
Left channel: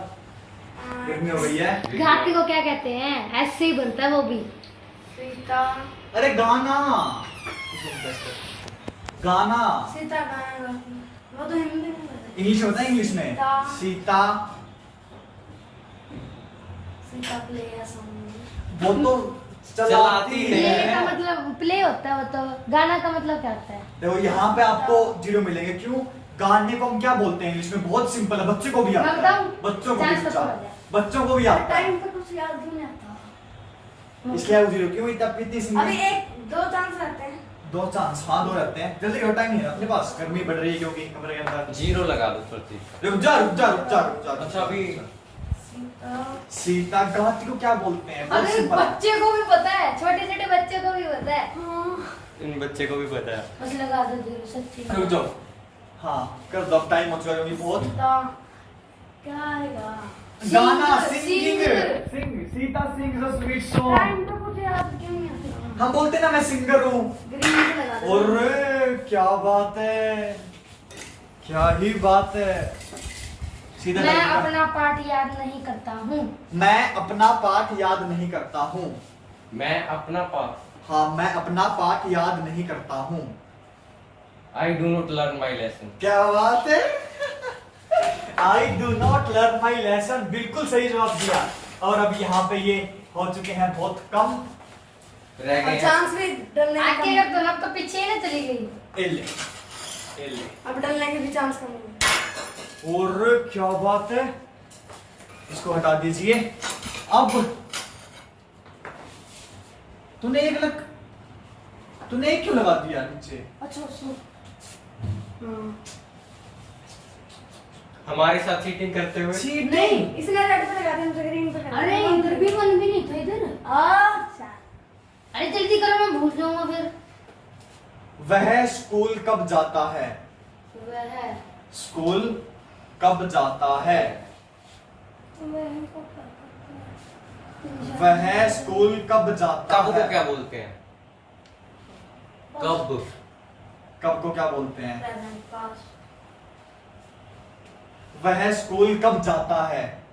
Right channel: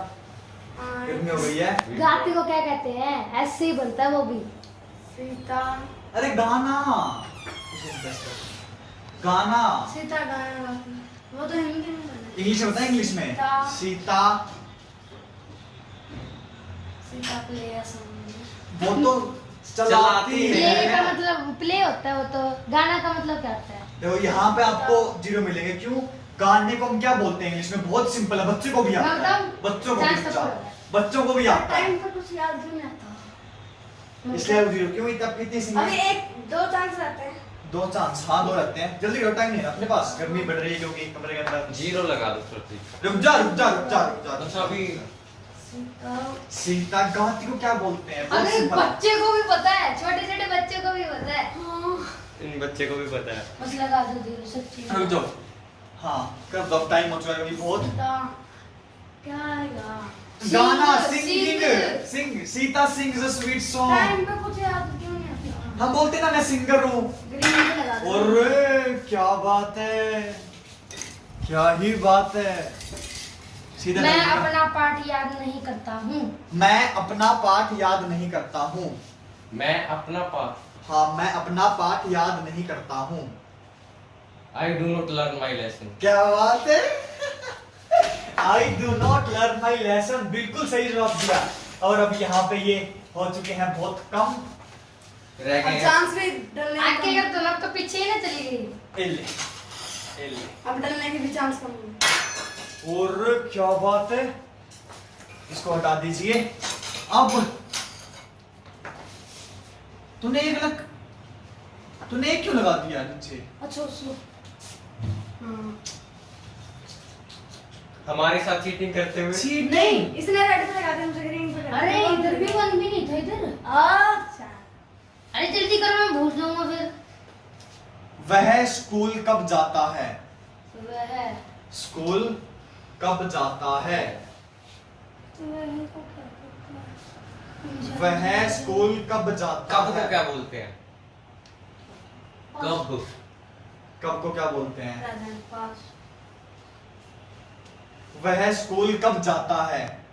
गर्मी हो गई है। गाती को क्या कहते हैं? ऐसे ही बनता है वो भी। सीता, अरे गाना, गाना सीता गाना गाती है। वो तो हिंदी में है। इंग्लिश में होता है, इंग्लिश में Sita. Sita, Sita play a song. वो तो चलाती चलाती प्ले है। का मतलब प्ले होता है, वो तो गाना का मतलब क्या होता है? देखो यहाँ पे आपको 0 मिलेंगे, क्यों? गाने को हम क्या बोलते हैं इंग्लिश में? बहुत सिंपल है, बच्चे को भी आता है, मैं बताऊं? बच्चों को भी चांस तो आता पड़ है, गया। बच्चों को भी आता है, टाइम पर कुछ याद भी नहीं आता। इसलिए वो 0 क्यों? इतनी सी अभी एक दो चांस रहते हैं। 2 चांस, हाँ 2 रहते हैं। जल्दी करो, टाइम नहीं है अपने पास, गर्मी बढ़ रही है क्योंकि कमरे के अंदर। 0 लगा दो प्रतीक। रुक जा। अच्छा अभी सीता, गाती को क्या बोलते हैं? बहुत अरे सिंपल है। बच्चे को भी पता है, छोटे छोटे बच्चे को भी पता है। इन बच्चे को भी पता है। बस लगा दो 0 सच्ची। रुक जाओ, हाँ कर दो, टाइम हो चुका है क्योंकि बहुत। क्या आएगा? गाना, sing, Sita sings a sweet song. Time पे कुछ याद क्यों नहीं आता? हम बोलते ना मैं सिंगर हूँ। ग्रीन पे लगा दो। अरे क्या बात है, क्या ही बात है। सीधा मैं देखिएगा। अपना पाठ याद नहीं करता हूँ। मैं अपना पाठ याद नहीं करता हूँ। मैं अपना पाठ, हाँ मैं अपना पाठ याद नहीं करता हूँ। I do not learn my lesson। क्या बात है। I do not learn my lesson, बिल्कुल सही जवाब दिया। और अब यहाँ पे ये हो चुके हैं बहुत कम, रह गए हैं। चांस भी डलने आगे कर दो ना, तो पीछे ही ना चली गई। एले। अब डलने के भी चांस कम हो गए। और क्या बात है, इसको हटा दीजिए। अब तूने 1 लाख, तूने एक क्यों लगा दिया नीचे? अच्छा सो हमारे साथ चीटिंग करते हुए। चीटिंग। इसने रेड पे लगा दिया, मुझे ग्रीन पे लगा अरे दिया। इधर भी वन भी नहीं था इधर। अच्छा अरे जल्दी करो मैं भूल जाऊंगा फिर। वह स्कूल कब जाता है? वह स्कूल कब जाता है? तो वह को क्या करता है? वह स्कूल कब जाता कब है? को क्या बोलते हैं? कब। कब को क्या बोलते हैं? प्रेजेंट पास्ट वह स्कूल कब जाता है?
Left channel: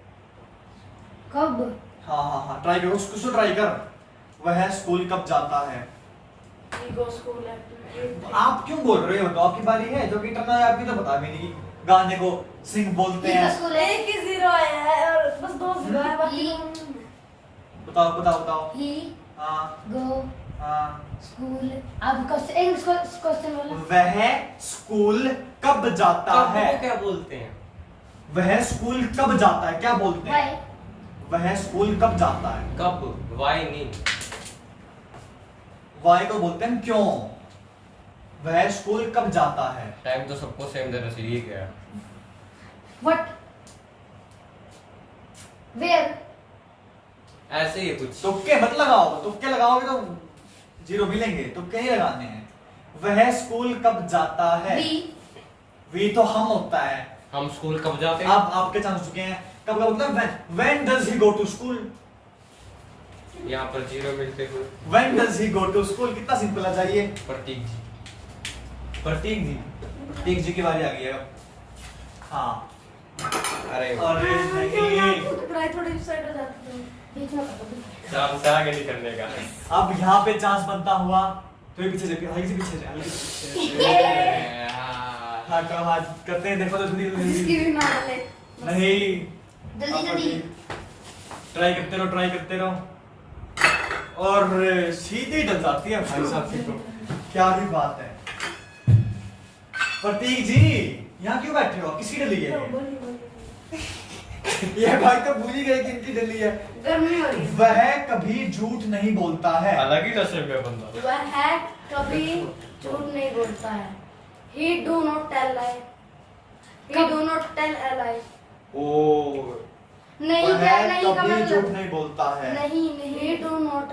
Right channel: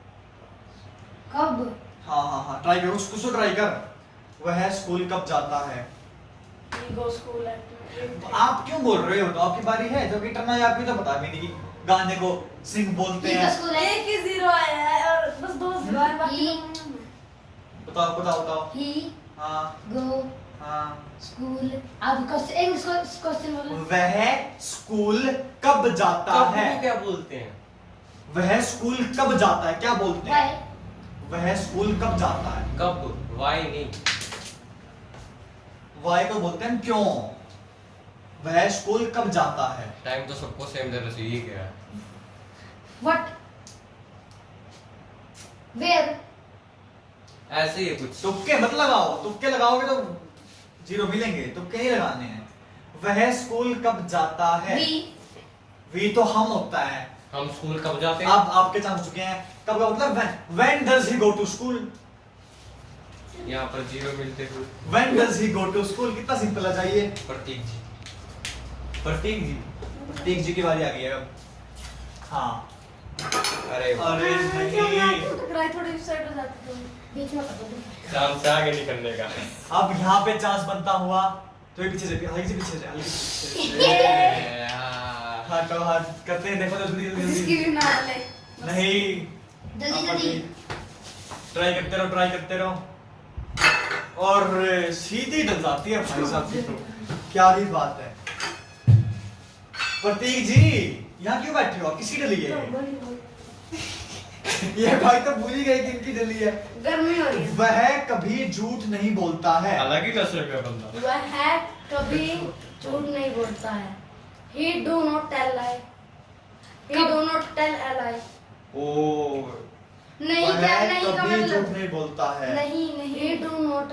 कब? हाँ हाँ हाँ, ट्राई करो, उसको ट्राई कर। वह स्कूल कब जाता है? वी गो स्कूल एट आप क्यों बोल रहे हो? तो आपकी बारी है, जो कि टर्न है आपकी तो बता भी नहीं। गाने को सिंग बोलते ठीक है, हैं। स्कूल है। एक ही जीरो आया है और बस 2 जीरो है, बाकी ही- तो नहीं है। बताओ बताओ बताओ। ही हाँ गो हाँ। स्कूल। अब क्वेश्चन इंग्लिश क्वेश्चन वाला। वह स्कूल कब जाता कब है? को क्या बोलते हैं? वह स्कूल कब जाता है, क्या बोलते हैं? वाई। वह स्कूल कब जाता है? कब, वाई नहीं। वाई को बोलते हैं क्यों। वह स्कूल कब जाता है? टाइम तो सबको सेम देना चाहिए क्या? व्हाट? वेयर? ऐसे ही है कुछ। तुक्के मत लगाओ, तुक्के लगाओगे तो जीरो मिलेंगे, तुक्के नहीं लगाने हैं। वह स्कूल कब जाता है? वी। वी तो हम होता है। हम स्कूल कब जाते हैं? आप आपके चांस हो चुके हैं। कब का मतलब when does he go to school? यहाँ पर जीरो मिलते हुए। When does he go to school? कितना सिंपल आ जाइए। प्रतीक जी। प्रतीक जी, प्रतीक जी की बारी आ गई है अब। हाँ। अरे अरे क्यों नहीं, आपको टकराई, थोड़ी साइड हो जाती है। देखना पड़ता चांस आगे नहीं करने का। अब यहाँ पे चांस बनता हुआ तो ये पीछे ले, हल्की से पीछे ले, हल्की से पीछे ले। यार। हाँ करो, हाँ करते हैं, देखो तो जल्दी जिसकी जल्दी। भी मार ले नहीं, जल्दी जल्दी। ट्राई करते रहो, ट्राई करते रहो। और सीधी डल जाती है भाई साहब की तो। क्या ही बात है। प्रतीक जी, यहाँ क्यों बैठे हो? किसी डली है? बोली बोली ये भाई तो भूल ही गए कि इनकी डली है। गर्मी हो रही है। वह कभी झूठ नहीं बोलता है। अलग ही नस्ल का बंदा। वह कभी झूठ नहीं बोलता है। He do not tell lie. He do not tell a lie. ओ, नहीं वह क्या नहीं का कभी झूठ मतलब नहीं बोलता है। नहीं नहीं। He do not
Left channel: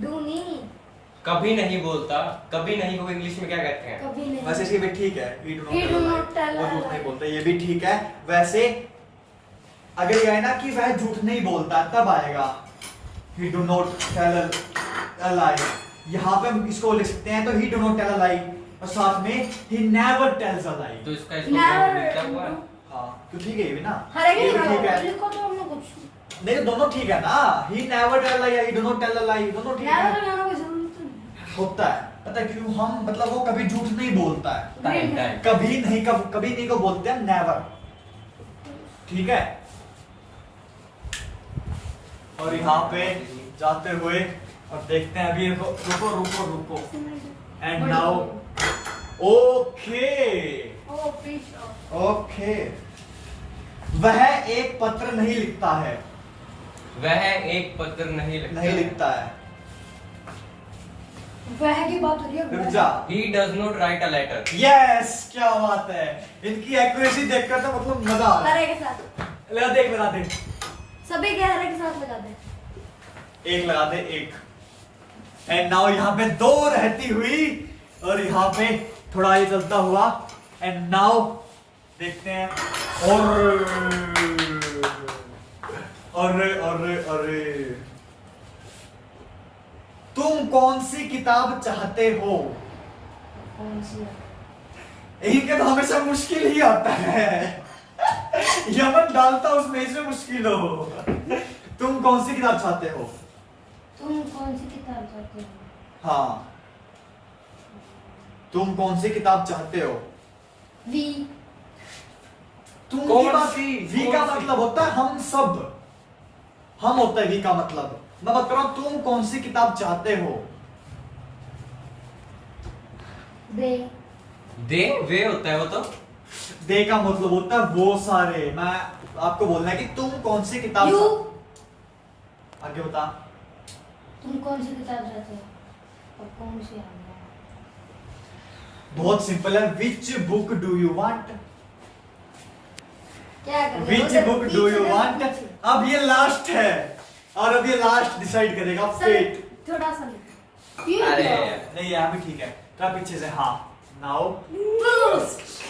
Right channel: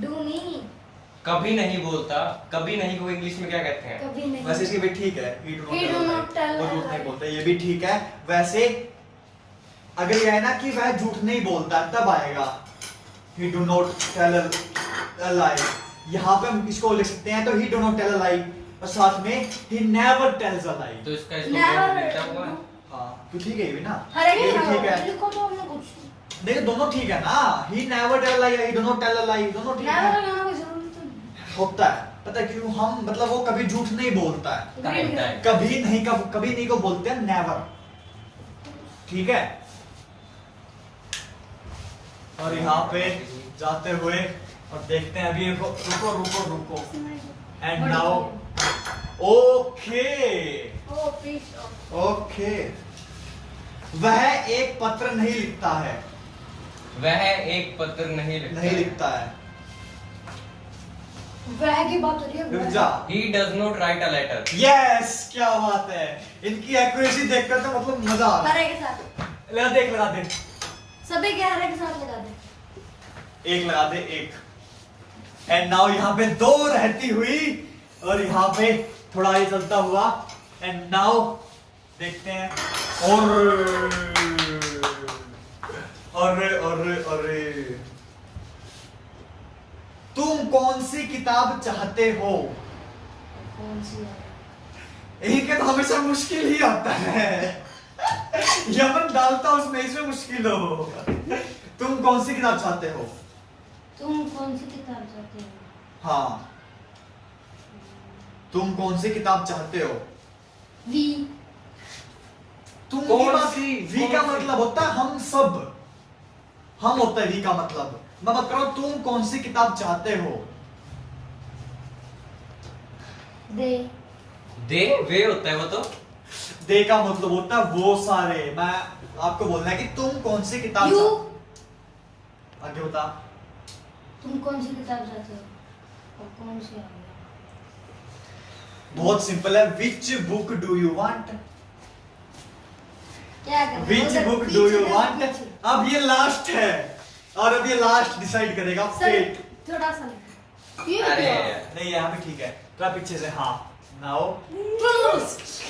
डू नहीं। कभी नहीं बोलता। कभी नहीं को इंग्लिश में क्या कहते हैं? कभी नहीं। वैसे इसके भी ठीक है। He He do not tell वो a झूठ lie. नहीं बोलता, ये भी ठीक है। वैसे अगर ये है ना कि वह झूठ नहीं बोलता तब आएगा he do not tell a lie। यहाँ पे हम इसको लिख सकते हैं तो he do not tell a lie और साथ में he never tells a lie। तो इसका Never- लिखा हुआ है। हाँ, तो ठीक है ये भी ना। हर एक ये भी लिखा ठीक हुआ है। लिखो तो हमने कुछ। देखो दोनों ठीक है ना। he never tell a lie, he do not tell a lie, दोनों ठीक Never है। लगाना कोई जरूरत नहीं। होता है, पता है क्यों? हम मतलब वो कभी झूठ नहीं बोलता है। Time time. कभी नहीं को बोलते हैं नेवर। ठीक है। और यहाँ पे जाते हुए और देखते हैं अभी रुको रुको रुको and now okay Oh, fish. Okay. वह एक पत्र नहीं लिखता है। वह एक पत्र नहीं लिखता। नहीं लिखता है। वह की बात हो रही है। रुक वह। जा। He does not write a letter. Yes, क्या बात है। इनकी एक्यूरेसी देखकर तो मतलब मजा आ रहा हरे है। के साथ लगा दे, एक लगा दे, सभी के हरे के साथ लगा दे। एक लगा दे, एक। एंड नाउ यहाँ पे दो रहती हुई और यहाँ पे थोड़ा ये चलता हुआ एंड नाउ देखते हैं। और तुम कौन सी किताब चाहते हो? कौन सी है? इनका तो हमेशा मुश्किल ही होता है। यमन डालता उसमें, इसमें मुश्किल हो। तुम कौन सी किताब चाहते हो? तुम कौन सी किताब चाहते हो? हाँ, तुम कौन सी किताब चाहते हो? वी। तुम कौन की बात- सी? वी का कौन सी? मतलब होता है हम सब। हम होता है वी का मतलब। मैं बात कर रहा हूं तुम कौन सी किताब चाहते हो? दे। दे वे होता है वो तो। दे का मतलब होता है वो सारे। मैं आपको बोलना है कि तुम कौन सी किताब यू। आगे बता। तुम कौन सी किताब चाहते हो? और कौन सी है? बहुत सिंपल है, which book do you want? क्या कर रहे हो? विच उधर बुक पीछे, डू यू उधर वांट? पीछे। अब ये लास्ट है, और अब ये लास्ट डिसाइड करेगा फेट। थोड़ा सा लिखो। अरे नहीं यहाँ भी ठीक है, थोड़ा पीछे से। हाँ नाउ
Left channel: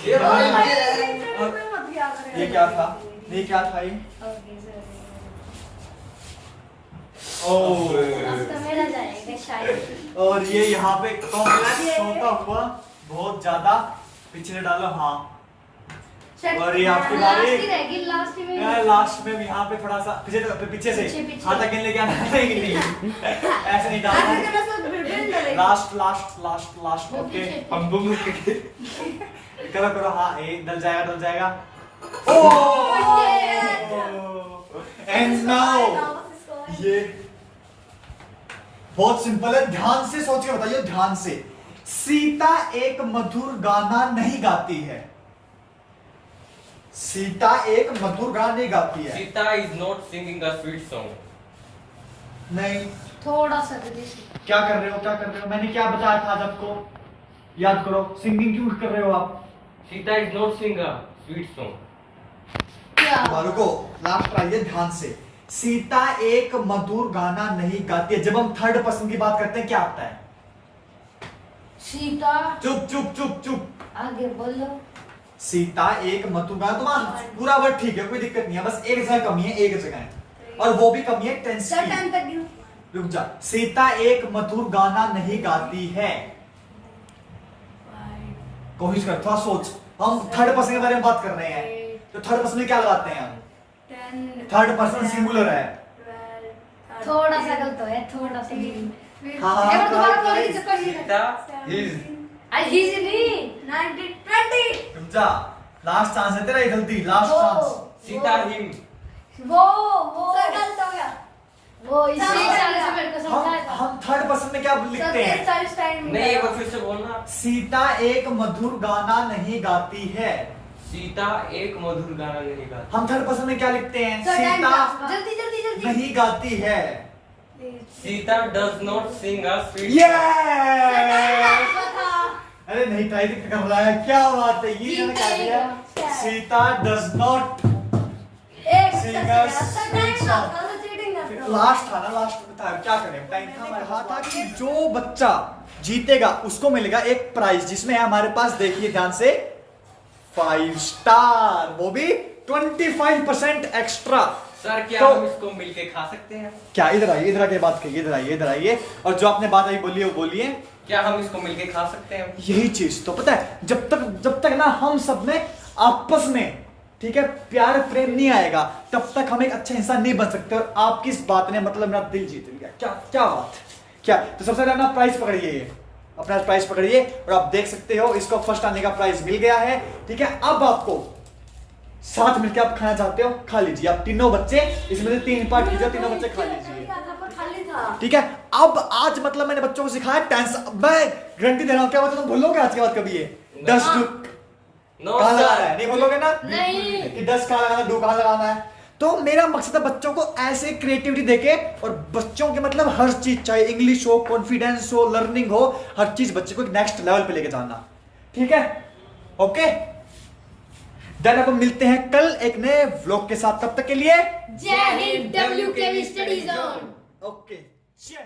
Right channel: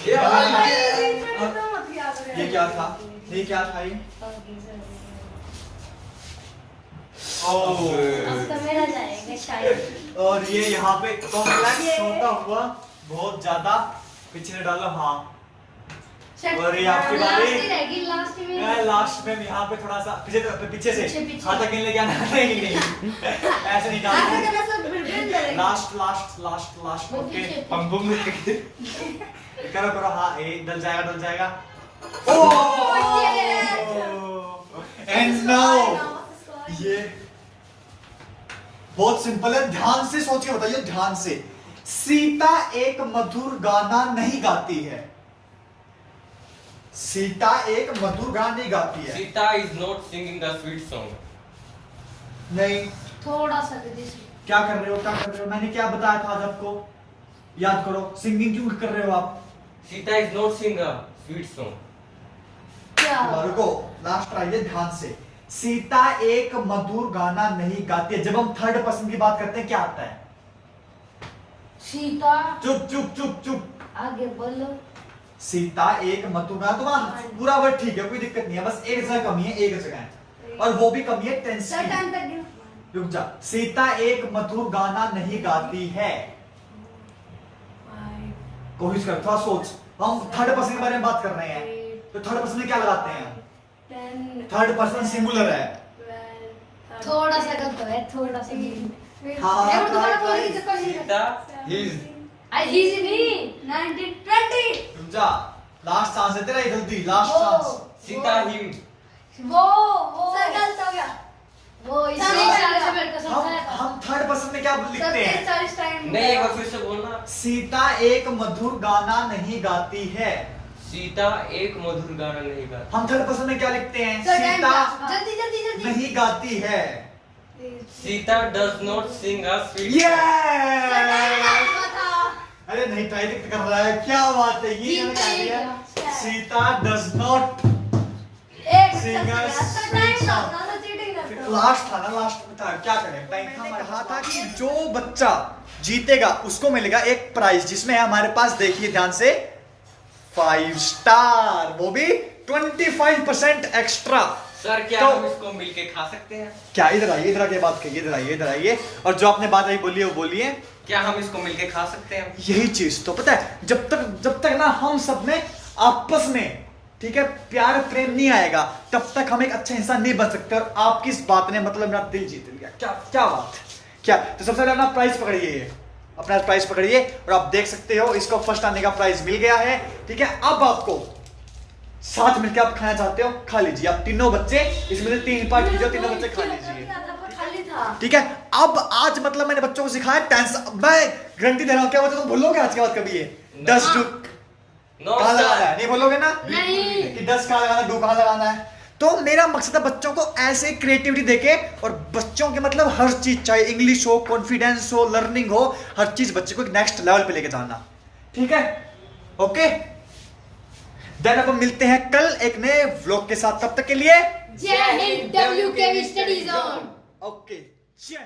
ये ये क्या था? ये क्या था ये? ओह, अब तो मेरा जाएगा शायद। और ये यहाँ पे कॉम्प्लेक्स होता हुआ बहुत ज्यादा पीछे से डालो। हाँ, और ये आपकी बारी। लास्ट ही रहेगी, लास्ट में। लास्ट में यहाँ पे थोड़ा सा पीछे से पीछे। हाथ अकेले लेके आना नहीं, ऐसे नहीं डालना। Last last last last. वो ओके, पीछे। पंबू में करो करो। हाँ, एक डल जाएगा, डल जाएगा। एंड नाउ ये बहुत सिंपल है, ध्यान से सोच के बताइए, ध्यान से। सीता एक मधुर गाना नहीं गाती है। सीता एक मधुर गाना नहीं गाती है। Sita is not singing a sweet song. नहीं, थोड़ा सा दे दीजिए। क्या कर रहे हो, क्या कर रहे हो? मैंने क्या बताया था आज आपको? याद करो, सिंगिंग क्यों कर रहे हो आप? Sita is not sing a sweet song. क्या? रुको, लास्ट आइए ध्यान से। सीता एक मधुर गाना नहीं गाती है। जब हम थर्ड पर्सन की बात करते हैं क्या आता है? सीता। चुप चुप चुप चुप। आगे बोलो। सीता एक मधुर गाना, तुम्हारा पूरा वर्ड ठीक है, कोई दिक्कत नहीं है, बस एक जगह कमी है, एक जगह है, और वो भी कमी है टेंस की। रुक जा। सीता एक मधुर गाना नहीं गाती है। कोशिश कर, थोड़ा सोच। हम थर्ड पर्सन के बारे में बात कर रहे हैं, तो थर्ड पर्सन में क्या लगाते हैं हम? थर्ड पर्सन सिंगुलर है। थोड़ा सा गलत है, थोड़ा सा। हाँ, एक बार दोबारा बोलेंगे जब तक सीता इज हीज नहीं। 1920 रुक जा, लास्ट चांस है तेरा, ये जल्दी लास्ट चांस। सीता हिम। वो सर गलत हो गया। वो इसी इशारे से मेरे को समझाया था। हम थर्ड पर्सन में क्या लिखते हैं? 40 टाइम नहीं, एक बार फिर से बोलना। सीता एक मधुर गाना नहीं गाती है। सीता एक मधुर गाना नहीं गाती। हम थर्ड पर्सन में क्या लिखते हैं? Sir, time Sita pass. जल्दी जल्दी जल्दी नहीं गाती है। Sita does not sing a sweet. Yes! अरे नहीं, टाइपिंग कर रहा है, क्या बात है, ये मैंने क्या किया? Sita does not. एक Singers, टाइम ना चीटिंग करते हो। लास्ट था ना, लास्ट में था, क्या करें? मैंने कहा था कि जो बच्चा जीतेगा उसको मिलेगा एक प्राइज, जिसमें है हमारे पास, देखिए ध्यान से, 5 स्टार, वो भी 25% एक्स्ट्रा। सर क्या तो- हम इसको मिलके खा सकते हैं? क्या? इधर आइए, इधर आके बात करिए, इधर आइए, इधर आइए, और जो आपने बात अभी बोली है वो बोलिए। क्या हम इसको मिलके खा सकते हैं? यही चीज तो पता है, जब तक ना हम सब में आपस में, ठीक है, प्यार प्रेम नहीं आएगा, तब तक हम एक अच्छा इंसान नहीं बन सकते। और आपकी इस बात ने मतलब मेरा दिल जीत लिया। क्या क्या बात, क्या? तो सबसे पहले अपना प्राइस पकड़िए, ये अपना प्राइस पकड़िए, और आप देख सकते हो इसको फर्स्ट आने का प्राइस मिल गया है। ठीक है, अब आपको साथ मिलकर आप खाना चाहते हो, खा लीजिए। आप तीनों बच्चे, इसमें से 3 पार्ट कीजिए, तीनों बच्चे खा लीजिए। खाली था। ठीक है, अब आज मतलब मैंने बच्चों को सिखाया टेंस। मैं गारंटी दे रहा हूं, क्या बोलते तुम भूलोगे आज के बाद कभी ये? डस डू नो कहां सर। लगाना है? नहीं बोलोगे ना नहीं। कि डस कहां लगाना है, डू कहां लगाना है? तो मेरा मकसद है बच्चों को ऐसे क्रिएटिविटी देके, और बच्चों के मतलब हर चीज, चाहे इंग्लिश हो, कॉन्फिडेंस हो, लर्निंग हो, हर चीज बच्चे को एक नेक्स्ट लेवल पे लेके जाना। ठीक है, ओके। देन अपन मिलते हैं कल एक नए व्लॉग के साथ, तब तक के लिए जय Hind, WKV study zone. Okay, जय